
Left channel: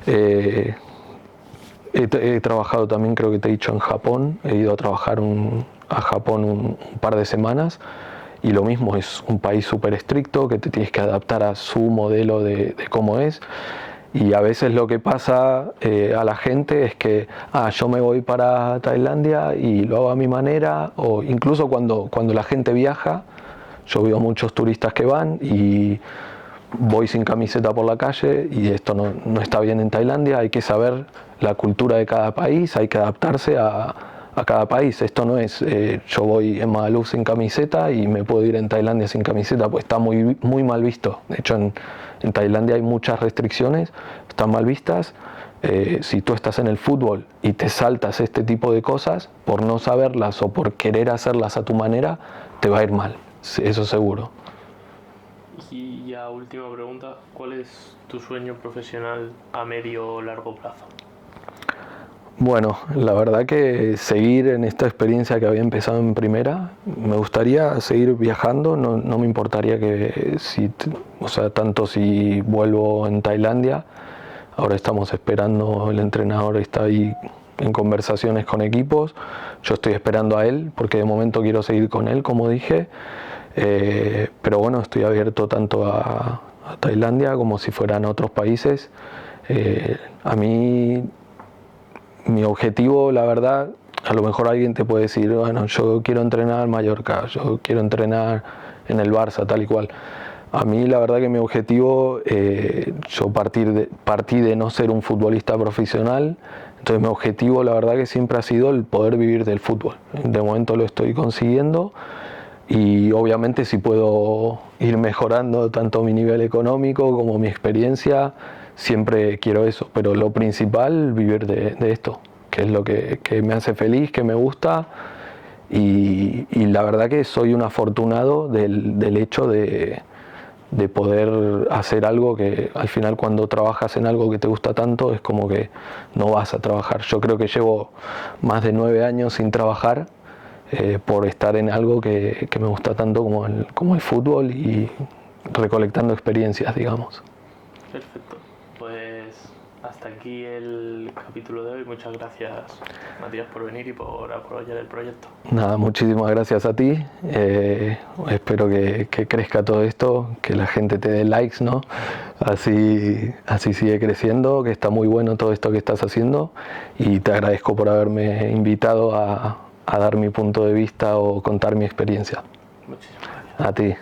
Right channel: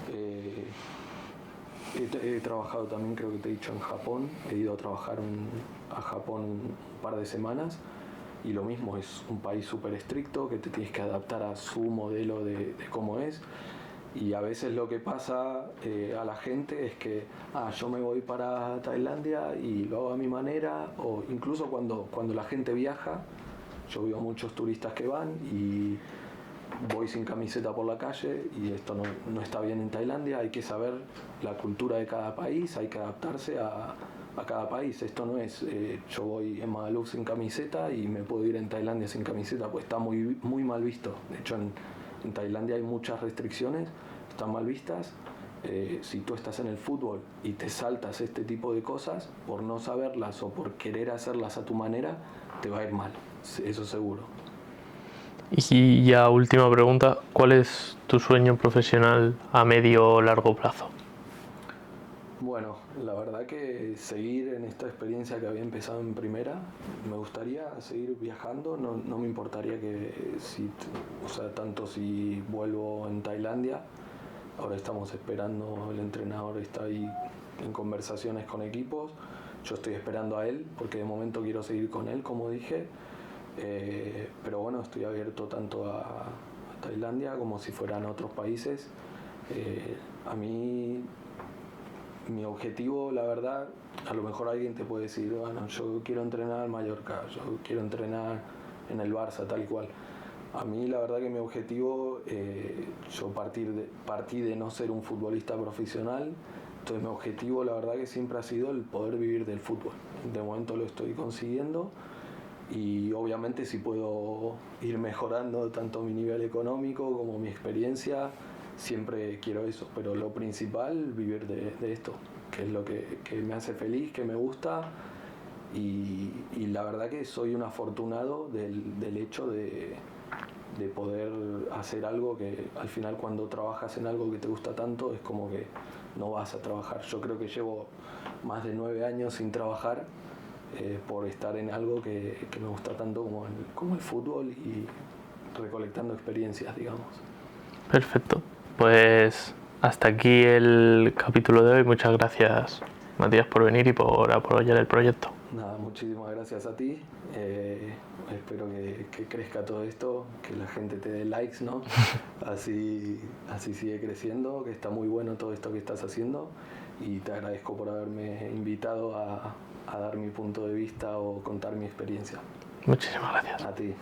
He trabajado también, creo que te he dicho, en Japón. He ido a trabajar a Japón un par de semanas, y lo mismo, es un país súper estricto, que te tienes que adaptar a su modelo de cómo es. Y a veces lo que pasa a la gente es que yo me voy para Tailandia y lo hago a mi manera, o incluso cuando la gente viaja, yo veo muchos turistas que van y voy sin camiseta por la calle, y esto no está bien en Tailandia. Hay que saber la cultura de cada país, hay que adaptarse a cada país. Esto no es yo voy en Magaluf sin camiseta y me puedo ir en Tailandia sin camiseta, pues está muy, muy mal visto. De hecho en Tailandia hay muchas restricciones, están mal vistas. Si tú estás en el fútbol y te saltas este tipo de cosas por no saberlas o por querer hacerlas a tu manera, te va a ir mal, eso seguro. Y ya última pregunta, ¿cuál es tu sueño profesional a medio o largo plazo? Bueno, la verdad que seguir en esta experiencia que había empezado en primera, me gustaría seguir viajando, no me importaría tanto si vuelvo en Tailandia. Ahora estamos esperando, el entrenador está ahí en conversaciones con equipos, yo estoy esperando a él porque de momento quiero seguir con él, como dije, pero bueno, estoy abierto tanto a Tailandia como si fueran otros países. A mí, mi objetivo, la verdad, a lo mejor alguien te puede decir, bueno, yo quiero entrenar en Mallorca, yo quiero entrenar en el Barça, tal y cual. A mí la verdad que mi objetivo, yo partí de no ser un futbolista profesional, entonces mi objetivo la verdad que siempre ha sido el poder vivir del fútbol. De momento lo estoy consiguiendo y obviamente si puedo ir mejorando tanto mi nivel económico como mi experiencia, siempre quiero eso, pero lo principal, vivir de esto, que es lo que me hace feliz, que me gusta y la verdad que soy un afortunado del hecho de poder hacer algo que al final cuando trabajas en algo que te gusta tanto es como que no vas a trabajar. Yo creo que llevo más de 9 años sin trabajar por estar en algo que me gusta tanto como el fútbol y recolectando experiencias, digamos. Perfecto. Pues hasta aquí el capítulo de hoy. Muchas gracias, Matías, por venir y por apoyar el proyecto. Nada, muchísimas gracias a ti. Espero que crezca todo esto, que la gente te dé likes, ¿no? Así sigue creciendo, que está muy bueno todo esto que estás haciendo y te agradezco por haberme invitado a dar mi punto de vista o contar mi experiencia. Muchísimas gracias. A ti.